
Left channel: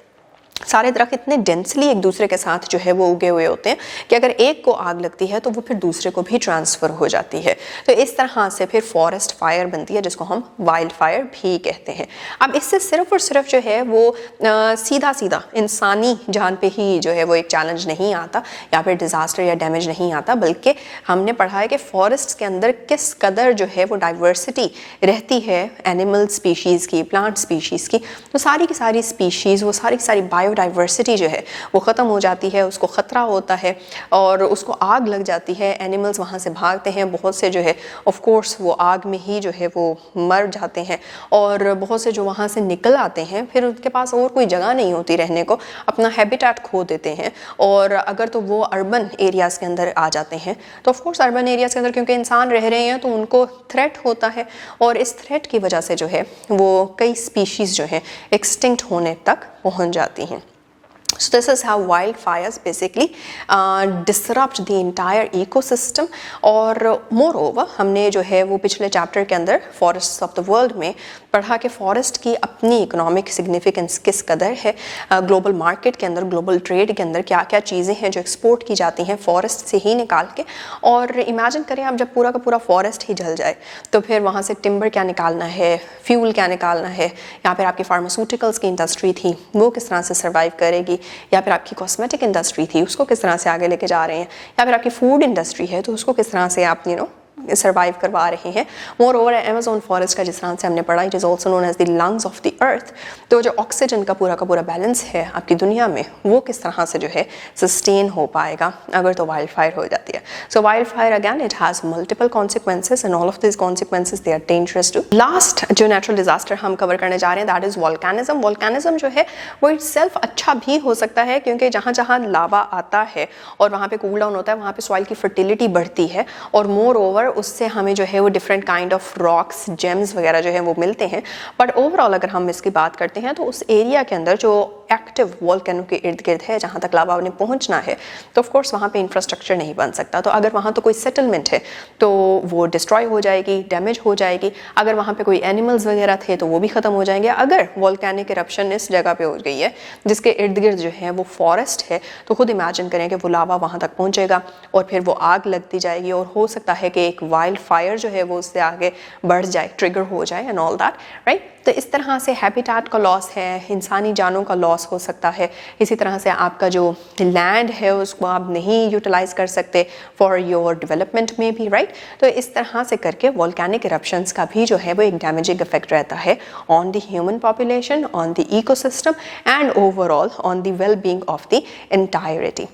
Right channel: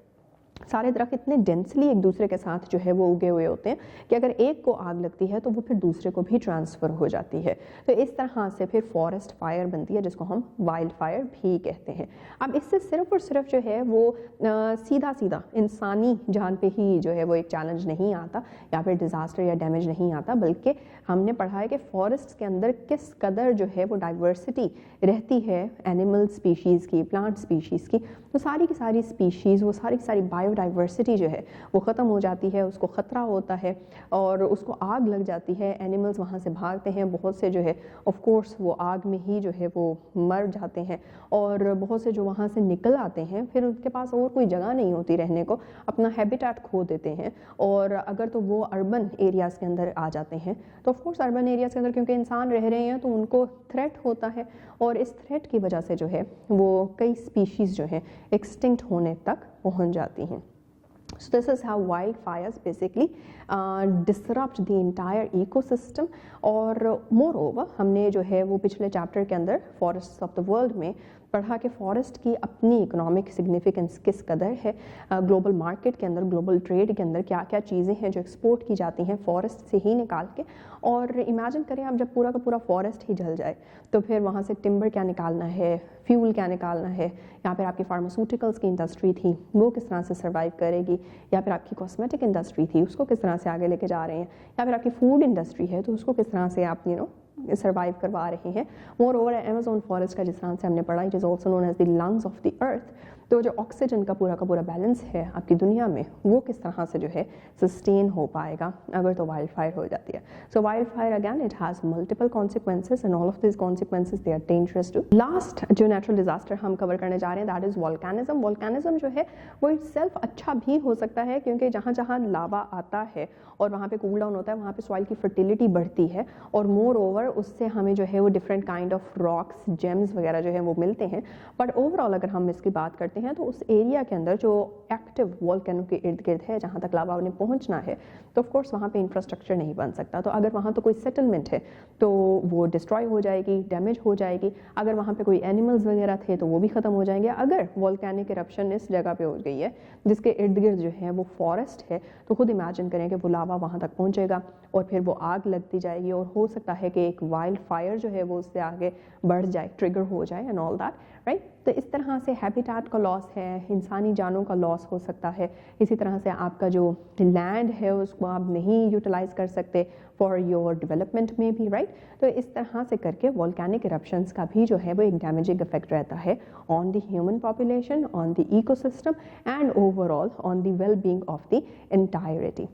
सारे दरख्त इतने डेंसली एक दूसरे के साथ जो है वो उगे हुए होते हैं कि अगर एक को आग लगती है तो वो फिर दूसरे को भी ट्रांसफ़र हो जाती है। तो इस तरह से फिर फॉरेस्ट फायर बनती है, जिसको हम वाइल्ड फायर भी कहते हैं। अब इससे सिर्फ और सिर्फ जो है वो सीधा इंसानी जान पे ही जो है वो एक चैलेंज नहीं आता या फिर डिज़ास्टर या डैमेज नहीं आता, बल्कि हमने पढ़ा है कि फॉरेस्ट के अंदर किस कदर जो है वो डाइवर्सिटी रहती है एनिमल स्पीशीज़ की, प्लांट स्पीशीज़ की। तो सारी की सारी स्पीशीज़, वो सारी बायोडाइवर्सिटी जो है वो ख़त्म हो जाती है, उसको ख़तरा होता है और उसको आग लग जाती है, एनिमल्स वहाँ से भागते हैं, बहुत से जो है ऑफ कोर्स वो आग में ही जो है वो मर जाते हैं और बहुत से जो वहाँ से निकल आते हैं फिर उनके पास और कोई जगह नहीं होती रहने को, अपना हैबिटेट खो देते हैं। और अगर तो वो अर्बन एरियाज़ के अंदर आ जाते हैं तो ऑफ कोर्स अर्बन एरियाज़ के अंदर क्योंकि इंसान रह रहे हैं तो उनको थ्रेट होता है और इस थ्रेट की वजह से जो है वो कई स्पीशीज़ जो है एक्सटिंक्ट होने तक पहुंच जाती हैं। So this is how wildfires basically disrupt the entire ecosystem। और moreover हमने जो है वो पिछले चैप्टर के अंदर फॉरेस्ट्स ऑफ द वर्ल्ड में पढ़ा कि फॉरेस्ट की अपनी इकोनॉमिक सिग्निफिकेंस किस कदर है, ग्लोबल मार्केट के अंदर, ग्लोबल ट्रेड के अंदर क्या क्या चीज़ें हैं जो एक्सपोर्ट की जाती हैं फॉरेस्ट से ही निकाल के। और इमेजिन करें आप जब पूरा का पूरा फॉरेस्ट ही जल जाए तो फिर वहाँ से टिम्बर क्या निकालना है, फ्यूल क्या निकालना है, या फिर आपकी फार्मास्यूटिकल्स की इंडस्ट्री थी वो किस तरह से सर्वाइव करेगी, या फिर आपकी कॉस्मेटिक इंडस्ट्री थी उसको किस तरह से आगे लेके जा रहे हैं, या फिर आपकी फूड इंडस्ट्री है तो उसको किस तरह से आप सर्वाइव करवा रहे हैं। मोर ओवर अमेज़न फॉरेस्ट का जिस तरह से हमने पढ़ा, it is also known as the lungs of the earth. तो जो ऑक्सीजन का पूरा बैलेंस है आपकी दुनिया में वो किस तरह से जो है सस्टेन हो पाएगा अगर तो वाइल्ड फायर हो जाती है। So wild fire again it has multiple consequences and all of this consequences they are dangerous too. Last जो नेचुरल डिजास्टर हम कवर करने जा रहे हैं दैट इज़ वोल्केनिज्म। वोल्केनिज्म जो है वो इटसेल्फ अच्छा भी हो सकता है क्योंकि जहाँ जहाँ लावा आता है और वहाँ पे कूल डाउन होता है वहाँ पे सॉइल की फर्टिलिटी बढ़ती है और मोर ओवर ऊपर उससे हमें जो है वो different kind of rocks, James वगैरह जो है वो मिलते हैं, बट ओवरऑल अगर हम इसकी बात करते हैं तो उस एरिया के अंदर जो एक्टिव वोल्केनो के इर्द गिर्द है, जहाँ तक लावा ने पहुँचना है, तो ऑफ कोर्स वहाँ पे इंफ्रास्ट्रक्चर नहीं बन सकता। तो अगर वहाँ तो कोई सेटलमेंट है तो वो डिस्ट्रॉय हो जाएगी, डैमेज हो जाएगी। अगर वहाँ पे कोई एनिमल्स वगैरह थे तो वो भी ख़त्म हो जाएंगे। अगर वोल्केनिक इरप्शन इस जगह पे हो गई है जिसके इर्द गिर्द जो है वो फॉरेस्ट है, तो खुद इमेजिन करें कि वो लावा वहाँ तक पहुँचेगा और फिर वो आग लगती जाएगी और हो सकता है कि एक वाइल्ड फायर जो है वो उससे आगे बढ़ जाए, ट्रिगर हो जाए एंड ऑल दैट, राइट। तो इस तरह से हैबिटेट का लॉस है, इंसानी जानों का लॉस हो सकता है। इसी तरह से आपका जो लैंड है उसको आप नहीं यूटिलाइज कर सकते फॉर योर डेवलपमेंट में भी, राइट। तो इस तरह से करके वोल्केनिक इरप्शंस का भी जो है वो एक डैमेजिंग इफेक्ट रहता है on the human population, on the ecosystem and overall on the well being of the entirety.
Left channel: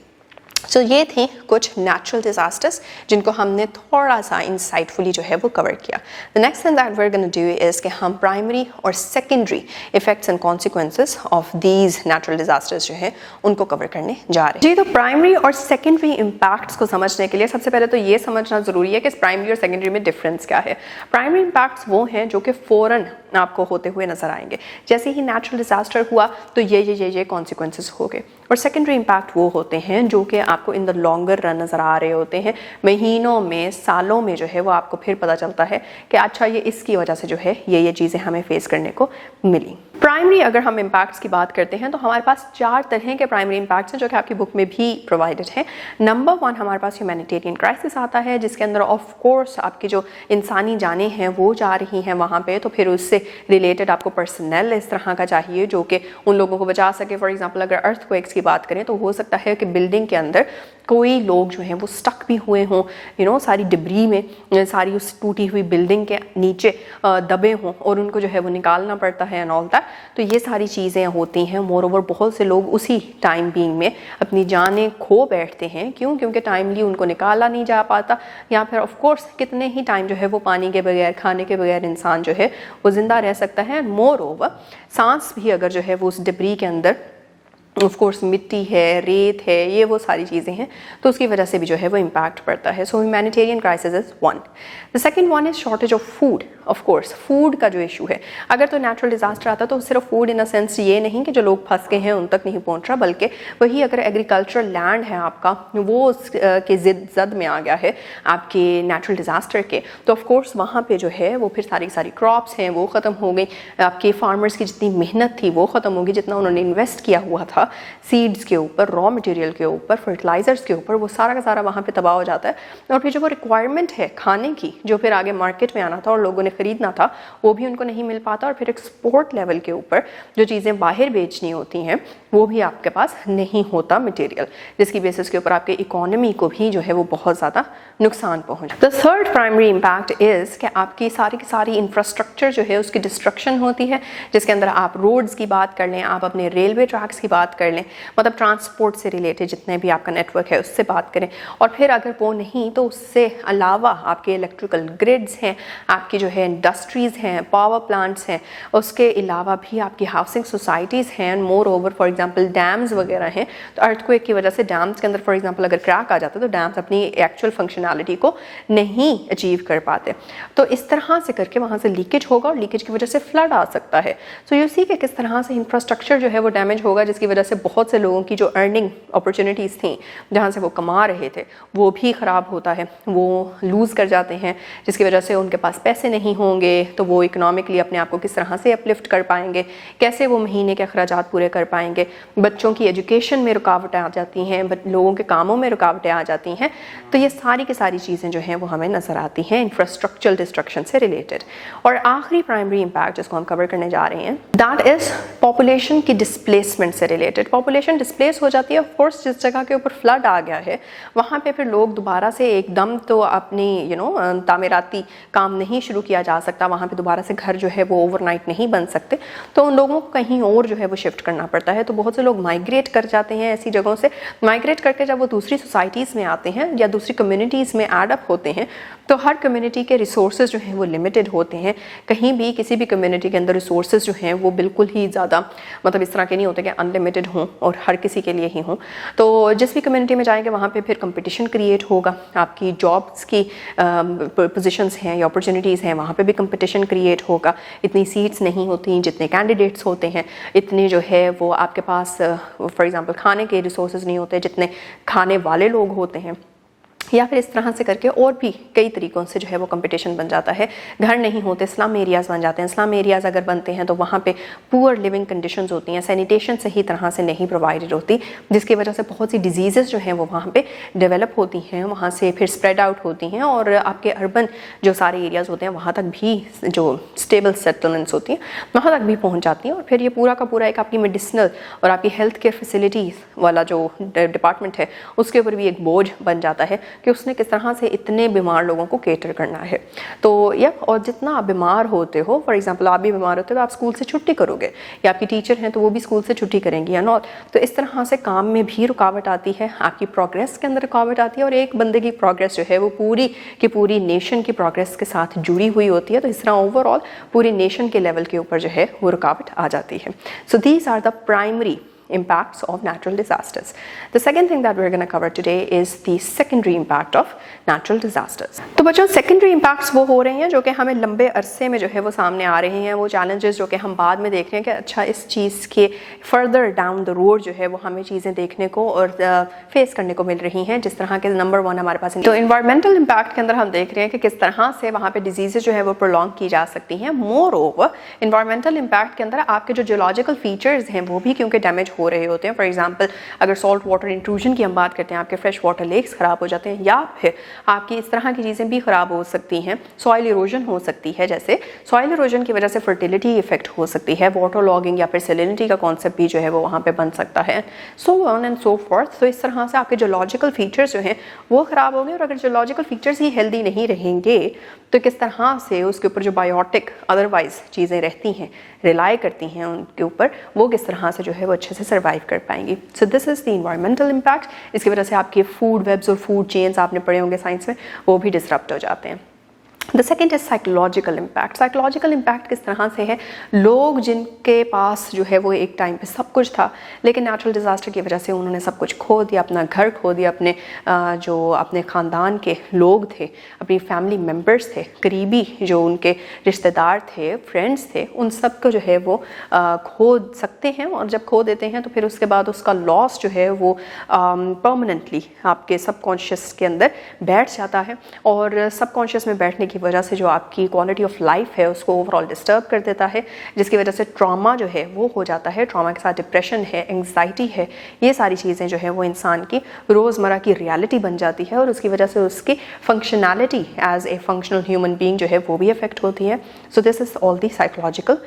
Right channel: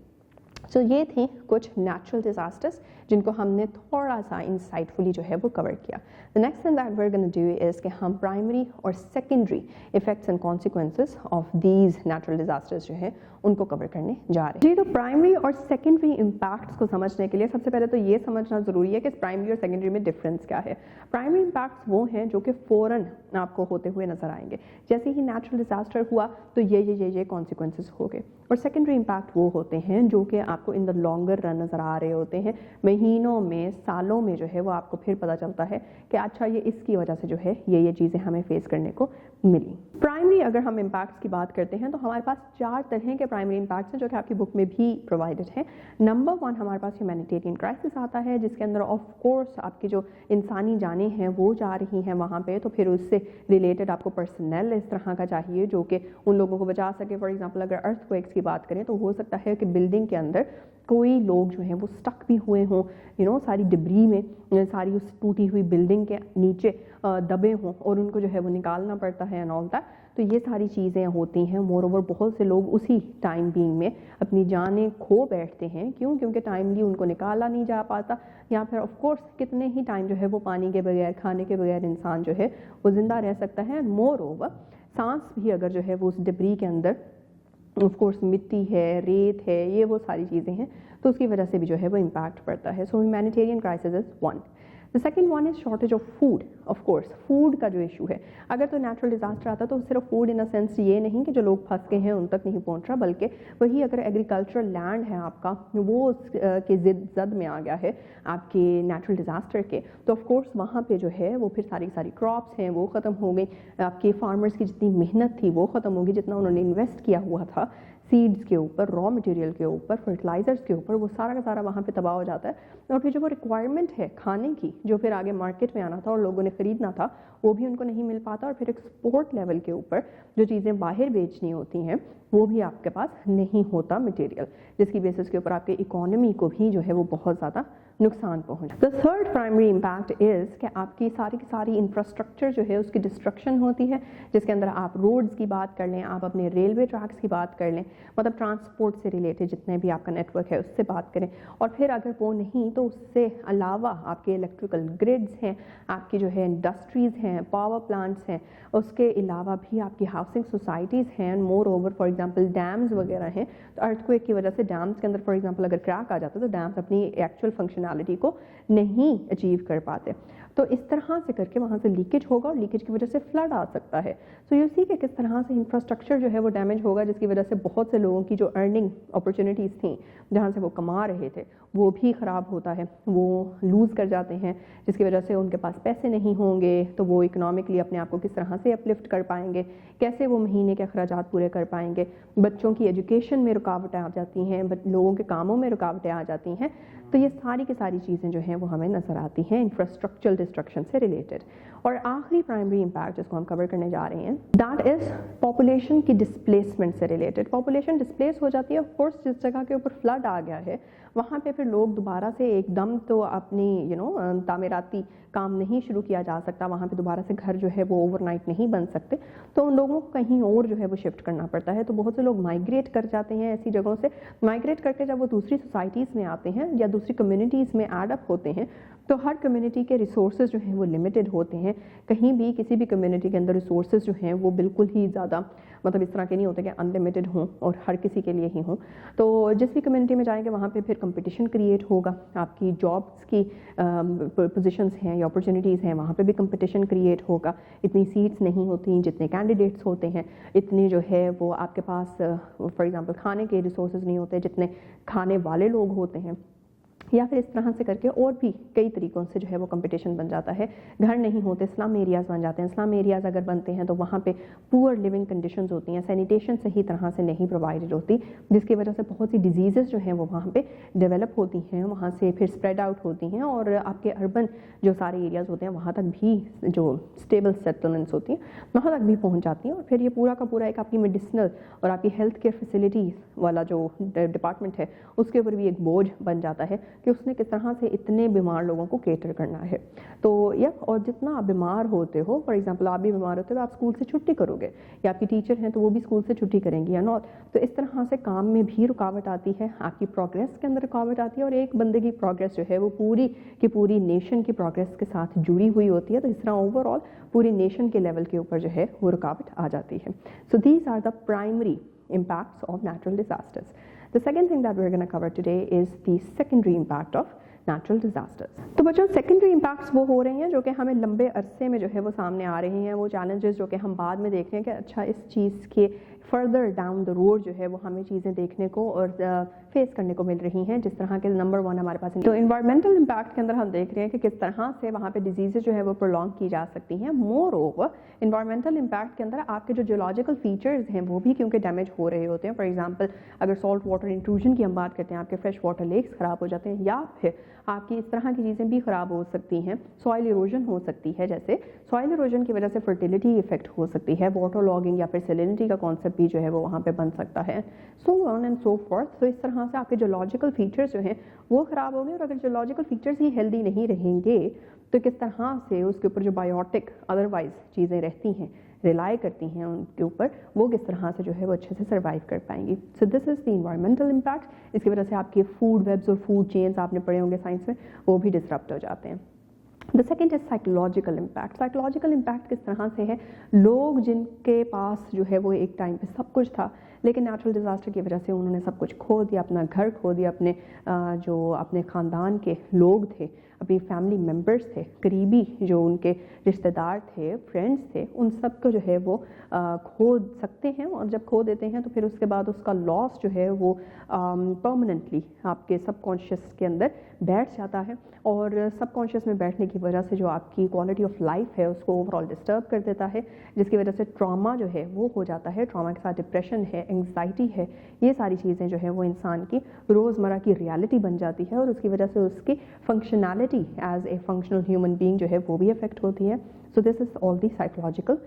So ये थी कुछ नेचुरल डिजास्टर्स जिनको हमने थोड़ा सा इंसाइटफुली जो है वो कवर किया। The next thing that we are gonna do is कि हम प्राइमरी और secondary effects and consequences of these natural disasters जो है उनको कवर करने जा रहे हैं। जी, तो प्राइमरी और सेकेंडरी इम्पैक्ट्स को समझने के लिए सबसे पहले तो ये समझना जरूरी है कि प्राइमरी और सेकेंडरी में डिफरेंस क्या है। प्राइमरी इम्पैक्ट्स वो हैं जो कि फौरन आपको होते हुए नजर आएंगे, जैसे ही नेचुरल डिजास्टर हुआ तो ये कॉन्सिक्वेंसेस हो गए। और सेकेंडरी इम्पैक्ट वो होते हैं जो कि आपको इन द लॉन्गर रन नज़र आ रहे होते हैं, महीनों में, सालों में जो है वो आपको फिर पता चलता है कि अच्छा ये इसकी वजह से जो है ये चीज़ें हमें फेस करने को मिली। प्राइमरी अगर हम इम्पैक्ट्स की बात करते हैं तो हमारे पास 4 तरह के प्राइमरी इम्पैक्ट्स हैं जो कि आपकी बुक में भी प्रोवाइडेड हैं। नंबर 1 हमारे पास ह्यूमैनिटेरियन क्राइसिस आता है, जिसके अंदर ऑफ कोर्स आपकी जो इंसानी जानें हैं वो जा रही हैं वहाँ पे, तो फिर उससे रिलेटेड आपको पर्सनल इस तरह का चाहिए जो कि उन लोगों को बचा सके। फॉर एग्जांपल अगर अर्थक्वेक्स की बात करें तो हो सकता है कि बिल्डिंग के अंदर कोई लोग जो हैं वो स्टक भी हुए हों, सारी डिब्री में, सारी उस टूटी हुई बिल्डिंग के नीचे दबे हों और उनको जो है वो निकालना पड़ता है एंड ऑल दैट। तो ये सारी चीज़ें होती हैं। मोर ओवर बहुत से लोग उसी टाइम बीइंग में अपनी जानें खो बैठते हैं। क्यों? क्योंकि टाइमली उनको निकाला नहीं जा पाता, या फिर ऑफ कोर्स कितने ही टाइम जो है वो पानी के बगैर, खाने के बगैर इंसान जो है वो ज़िंदा रह सकता है। मोर ओवर सांस भी अगर जो है वो उस डिब्री के अंदर ऑफ कोर्स मिट्टी है, रेत है, ये वो सारी चीज़ें हैं, तो उसकी वजह से भी जो है वो इम्पैक्ट पड़ता है। So humanitarian crisis is 1। The second one is shortage of food. Of course food का जो इशू है, अगर तो नेचुरल डिजास्टर आता तो सिर्फ फूड इन अ सेंस ये नहीं कि जो लोग फंस गए हैं उन तक नहीं पहुंच रहा, बल्कि वही अगर एग्रीकल्चरल लैंड है आपका वो के जद में आ गया है आपके नेचुरल डिजास्टर के, तो ऑफ कोर्स वहाँ पे जो है वो फिर सारी सारी क्रॉप्स हैं वो ख़त्म हो गई। आपके फार्मर्स की जितनी मेहनत थी वो ख़त्म होगी, जितना उन्होंने इन्वेस्ट किया हुआ था सीड्स के ऊपर, रॉ मटेरियल के ऊपर, फर्टिलाइजर्स के ऊपर, वो सारा का सारा वहाँ पे तबाह हो जाता है। और फिर जो वो रिक्वायरमेंट है खाने की, जो फिर आगे मार्केट में आना था और लोगों ने खरीदना था, वो भी उनको नहीं मिल पाता। और फिर एक्सपोर्ट लेवल के ऊपर जो चीज़ें बाहर बेचनी होती हैं वो भी आपके पास नहीं होता मटेरियल, जिसकी बेसिस के ऊपर आपके इकोनॉमी को भी जो है वो बहुत ज़्यादा नुकसान पहुँचा। The third primary impact is कि आपकी सारी की सारी इंफ्रास्ट्रक्चर जो है उसकी डिस्ट्रक्शन होती है, जिसके अंदर आप रोड्स की बात कर लें, आप अपने रेलवे ट्रैक्स की बात कर लें, मतलब ट्रांसपोर्ट से रिलेटेड जितने भी आपका नेटवर्क है उससे बात करें। और फिर अगर वो नहीं तो उससे अलावा आपके इलेक्ट्रिकल ग्रिड्स हैं, आपकी जो है इंडस्ट्रीज़ हैं, पावर प्लांट्स हैं, उसके अलावा भी आपकी हाउसिंग सोसाइटीज़ हैं, more over for example dams वगैरह हैं। तो अर्थक्वेक की वजह से डैम्स के अंदर फॉर एग्जांपल अगर क्रैक आ जाता है तो डैम्स अपनी एक्चुअल फंक्शनैलिटी को नहीं अचीव कर पाते। तो इस तरह से करके वहाँ से लीकेज होगा और लीकेज की वजह से फ्लड आ सकता है। सो यू सी कि किस तरह से इंफ्रास्ट्रक्चर जो है वो डैमेज होगा, जिसकी वजह से बहुत से लोगों की जो अर्निंग अपॉर्चुनिटीज़ थी, जहाँ से वो कमा रहे थे, वो भी ख़राब होता है, वो लूज़ कर जाते हैं, जिसकी वजह से उनके पास पैसे नहीं होंगे तो वो इकोनॉमिकली अपने आप को किस तरह से अपलिफ्ट कर पाएंगे, कैसे वो महीने के अखराजात पूरे कर पाएंगे। बच्चों की एजुकेशन में रुकावटें आ जाती हैं, लोगों के कामों में रुकावटें आ जाती हैं। तो ये सारी की सारी चीज़ें जो हैं वो हमें नज़र आती हैं इंफ्रास्ट्रक्चरल डिस्ट्रक्शन से रिलेटेड। और आखिरी प्राइमरी इम्पैक्ट जिसको हम कवर करने जा रहे हैं, दैट इज़ पॉपुलेशन की डिस्प्लेसमेंट से रिलेटेड। पॉपुलेशन डिस्प्लेस हो जाती है। ऑफ कोर्स जिस जगह के ऊपर फ्लड आ गया है वहाँ पे फिर लोग दोबारा से एकदम तो अपनी तामीराती काम नहीं शुरू किया जा सकता, वहाँ पे दोबारा से घर जो है वो ओवरनाइट नहीं बन सकते, तो उन लोगों को कहीं और जो है वो शिफ्ट करना पड़ता है। तो बहुत से लोग माइग्रेट कर जाते हैं ऐसी जगहों से। माइग्रेट करके जब वो दूसरी सोसाइटीज़ में आते हैं या दूसरी कम्युनिटीज़ में एड अप होते हैं, तो हर कम्युनिटी के रिसोर्सेज जो हैं वो लिमिटेड होते हैं। कहीं भी किसी भी कम्युनिटी के अंदर रिसोर्सेज जो हैं वो बिल्कुल ही ज़्यादा मतलब इस तरह के नहीं होते कि अनलिमिटेड हों और हर किसी के लिए ही हों। तो जिस भी कम्युनिटी में जाएंगे वहाँ पे फिर कंपटीशन क्रिएट होगा, आपकी जॉब्स की पोजीशंस हैं या अपॉर्चुनिटीज़ हैं वहाँ पे भी कंपटीशन क्रिएट होगा। इतनी सीट्स नहीं होती जितने कैंडिडेट्स होते हैं, इतने जो है वो आपके पास फॉर एग्जांपल खाने के रिसोर्सेज नहीं होते जितने खाने वाले लोग होते हैं, या फिर इस तरह से करके और भी कई तरीक़ों से जो है वो कंपटीशन बन जाता है। घर नहीं होते, स्लम एरियाज़ बन जाते हैं। स्लम एरियाज़ अगर बनते हैं तो वहाँ पे पुअर लिविंग कंडीशंस होती हैं, सैनिटेशन सही तरह से नहीं प्रोवाइडेड होती, जिसकी वजह से बहुत सी डिजीज़ जो हैं वो वहाँ पे डेवलप होती हैं, वहाँ से फिर स्प्रेड आउट होती हैं और आपके अर्बन जो सारे एरियाज़ होते हैं वहाँ तक भी जो स्टेबल सेटलमेंट्स होती हैं वहाँ तक भी पहुँच जाती हैं। और फिर ये पूरा का पूरा एक आपकी मेडिसिनल और आपकी हेल्थ केयर फैसिलिटीज़ वाला जो डिपार्टमेंट है उसके ऊपर भी एक बोझ बन जाता है कि उसने किस तरह से इतने बीमार लोगों को केटर करना है। तो या और जितना आप बीमार होते हो, फॉर एग्जांपल आप भी बीमार होते हो तो आप स्कूल से छुट्टी करोगे, या आपकी टीचर हैं तो वो भी स्कूल से छुट्टी करेंगी या नॉट। तो इस तरह से काम में भी रुकावट आती है, आपकी प्रोग्रेस के अंदर रुकावट आती है, और एक बंदे की प्रोग्रेस जो है वो पूरी की पूरी नेशन की प्रोग्रेस के साथ जुड़ी हुई होती है। तो इस तरह ओवरऑल पूरी नेशन के लेवल के ऊपर जो है वो रुकावट आ जाती है। So these are the primary impacts of natural disasters. The second thing that we're going to cover today is the secondary impact of natural disasters. तो बच्चों secondary impacts वो हो रहे हैं जो कि हमें लंबे अरसे में जो है वो सामने आ रहे हैं, वो challenges जो कि हम बाद में देख रहे हैं कि अच्छा इस चीज़ के further down the road जो है वो हमें चीज़ें देखने को और फेस करने को मिल रही हैं। जिस तरह के नंबर 1 हमारे पास तो environmental impact के अंदर हम देख रहे हैं कि किस तरह से वहाँ पे diseases जो है वो prolong की जा सकती हैं। Moreover environmental impact के अंदर आपके जो geological features हैं वो भी क्योंकि डैमेज हो रहे होते हैं। फॉर एग्जांपल अगर सॉल्ट वाटर इंट्रूजन की हम बात करते हैं, आपके फ्रेश वाटर लेक्स ख़राब हो जाते हैं, या फिर आपकी इस तरह की चीज़ें भी ख़राब हो सकती हैं। सॉइल इरोजन हो सकती है, जैसे सॉइल इरोजन की वजह से फर्टिलिटी इफेक्ट हो सकती है, वाटर लॉगिंग या फिर सैलिनिटी का कॉन्सेप्ट भी जो है वो वहाँ पे बन सकता है, so on and so fourth. तो इस तरह से आपके जोलॉजिकल फीचर्स जो हैं वो ख़राब होंगे, और अगर जोलॉजिकल फीचर्स ही हेल्दी नहीं रहेंगे तो किस तरह से उसके ऊपर जो बायोटिक अदरवाइज चीज़ें रहती हैं, रिलाई करती हैं उनके ऊपर, वो किस तरह से जो है वो अच्छे से सर्वाइव कर पाएंगी। सो this is the environmental impact. इसकी वजह से आपके फूड वेब्स और फूड चेन्स आपने पढ़े होंगे साइंस में, वो भी डिसरप्ट हो जाते हैं। The second is psychological impact. Psychological impact किस तरह से है, लोग जिनके पास जो है वो एक टाइम पे सब कुछ था, लेकिन नेचुरल डिज़ास्टर की वजह से उन्होंने सब कुछ खो दिया, अपना घर खो दिया, अपने जो अपने ख़ानदान के लोग थे, अपनी फैमिली मेम्बर्स थे, करीबी जो उनके रिश्तेदार थे, फ्रेंड्स थे, उन सब को जो है वो खो सकते हैं। और जब खो देते हैं तो फिर उसके बाद उसका लॉस जो है वो परमानेंटली आपके सबकॉन्शियस के अंदर बैठ जाता है, और सबकॉन्शियस में बैठने की वजह से जो आपकी क्वालिटी ऑफ लाइफ है उसको ओवरऑल डिस्टर्ब कर देता है, जिसकी वजह से ट्रॉमा जो है वो हो जाता है। ट्रॉमा के साथ डिप्रेशन है, एंग्जाइटी है, ये सारी चीज़ें जो है वो इंसान की रोज़मर्रा की रियलिटी बन जाती है, और उसकी वजह से उसकी functionality as a functional human being जो है वो भी अफेक्ट होती है। So this is all the psychological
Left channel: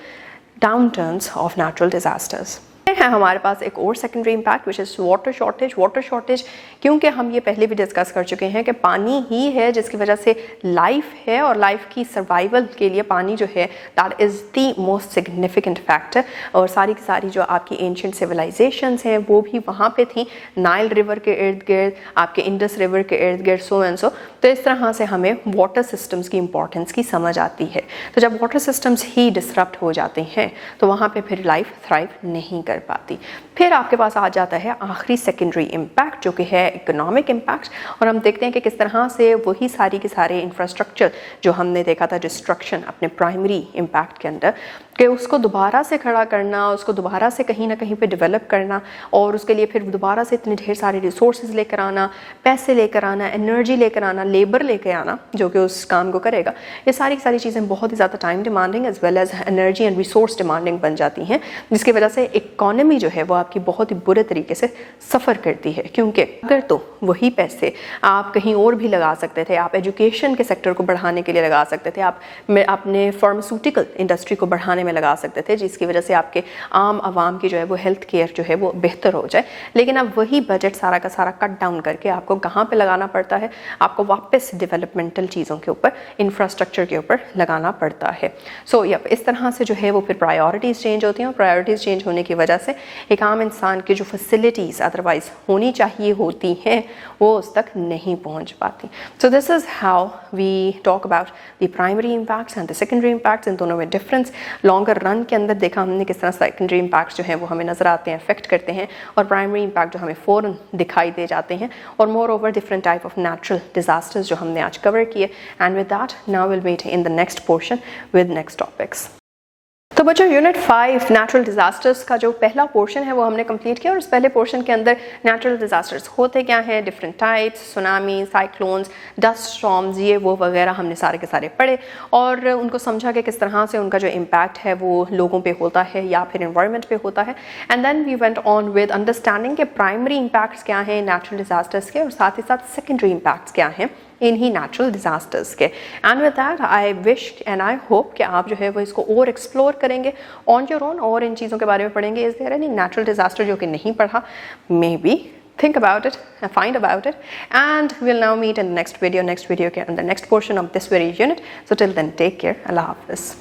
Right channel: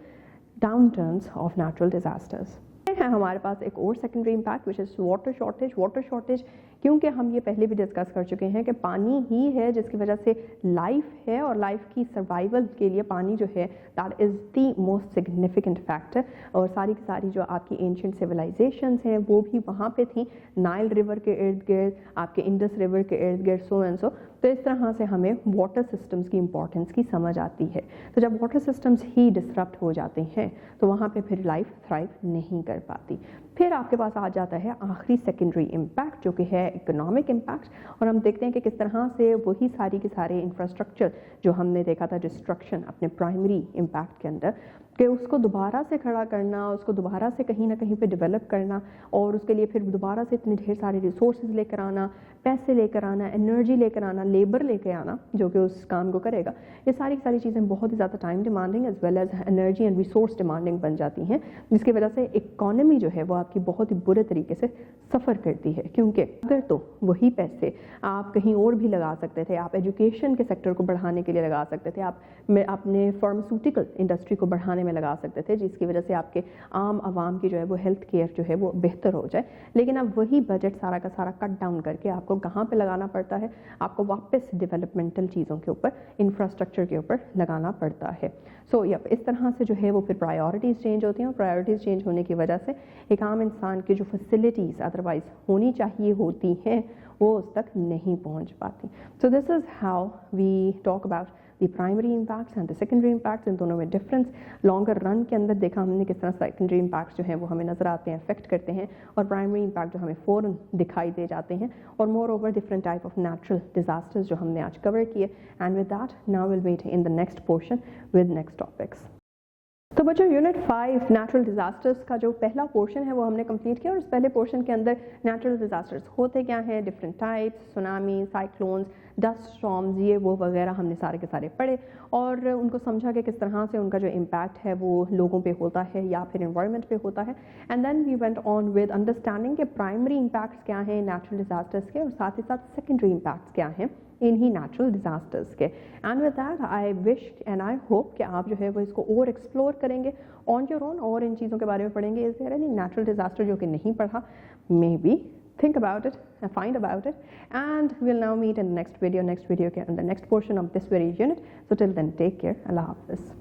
downturns of natural disasters. है हमारे पास एक और secondary impact which is water shortage. Water shortage क्योंकि हम ये पहले भी डिस्कस कर चुके हैं कि पानी ही है जिसकी वजह से लाइफ है, और लाइफ की सर्वाइवल के लिए पानी जो है that is the most significant factor. और सारी की सारी जो आपकी एंशिएंट सिविलाइजेशंस हैं वो भी वहाँ पे थी, नाइल रिवर के इर्द गिर्द, आपके इंडस रिवर के इर्द गिर्द, सो एंड सो। तो इस तरह से हमें वाटर सिस्टम्स की इंपॉर्टेंस की समझ आती है। तो जब वाटर सिस्टम्स ही डिसरप्ट हो जाते हैं तो वहाँ पे फिर लाइफ थ्राइव नहीं कर पाती। फिर आपके पास आ जाता है आखिरी सेकेंडरी इम्पैक्ट जो कि है इकोनॉमिक इम्पैक्ट, और हम देखते हैं कि किस तरह से वही सारी के सारे इंफ्रास्ट्रक्चर जो हमने देखा था डिस्ट्रक्शन अपने प्राइमरी इम्पैक्ट के अंदर, कि उसको दोबारा से खड़ा करना, उसको दोबारा से कहीं ना कहीं पे डेवलप करना, और उसके लिए फिर दोबारा से इतने ढेर सारे रिसोर्सेज लेकर आना, पैसे लेकर आना, एनर्जी लेकर आना, लेबर लेकर आना जो कि उस काम को करेगा, ये सारी सारी चीज़ें बहुत ही ज़्यादा time demanding as well as energy and resource demanding बन जाती हैं, जिसकी वजह से इकॉनमी जो है वो आपकी बहुत ही बुरे तरीके से सफ़र करती है। क्योंकि अगर तो वही पैसे आप कहीं और भी लगा सकते थे। आप एजुकेशन के सेक्टर को बढ़ाने के लिए लगा सकते थे, आप अपने फार्मास्यूटिकल इंडस्ट्री को बढ़ाने में लगा सकते थे, जिसकी वजह से आपके आम आवाम की जो है वो हेल्थ केयर जो है वो बेहतर हो जाए। लेकिन अब वही बजट सारा का सारा कट डाउन करके आपको कहाँ पे लगाना पड़ता है, आपको वापस डेवलपमेंटल चीज़ों के ऊपर, इंफ्रास्ट्रक्चर के ऊपर लगाना पड़ता है। सो इस तरह से जो है वो फिर प्रायोरिटीज़ चेंज होती हैं, और प्रायोरिटीज़ चेंज होने की वजह से एक आम इंसान की जो फैसिलिटीज़ अदरवाइज होनी चाहिए होती हैं वो उस तक नहीं पहुंच पाती। So this is how we talk about the primary impacts and the secondary impacts. इन दोनों में डिफरेंस लॉन्गर रन के अंदर देखा हमने किस तरह सेकेंडरी इम्पैक्ट्स जो हैं वो हमें नज़र आते हैं, अफेक्ट करते हैं, और प्राइमरी इम्पैक्ट जो हमें फ़ौरन दिखाई दे जाते हैं। और moreover different type of natural disasters जो हमने आज कवर किए। And with that now will meet in the next portion with next topics. तो बच्चों यूनिट 5 नेचुरल डिजास्टर्स का जो पहला पोर्शन है वो हमने कंप्लीट किया, और इस पहले पोर्शन के अंदर नेचुरल डिजास्टर्स होते क्या हैं, different types, tsunami, cyclones, dust storms, ये वो वगैरह हमने सारे के सारे पढ़े और उनको समझा कि किस तरह से उनका जो इम्पैक्ट है वो लोगों पे होता है या फिर एनवायरनमेंट पे होता है। And then we went on with understanding के प्राइमरी इम्पैक्ट्स क्या हैं नेचुरल डिजास्टर्स के, और साथ ही साथ सेकेंडरी इम्पैक्ट्स क्या हैं इन्हीं नेचुरल डिजास्टर्स के। And with that I wish and I hope कि आप जो है वो इसको और एक्सप्लोर करेंगे ऑन योर ओन और इन चीज़ों के बारे में पढ़ेंगे। Is there any natural disaster जो कि नहीं पढ़ा, maybe think about it and find about it, and we'll now meet in the next video के अंदर next portion of this very unit. So till then, take care. Allah Hafiz.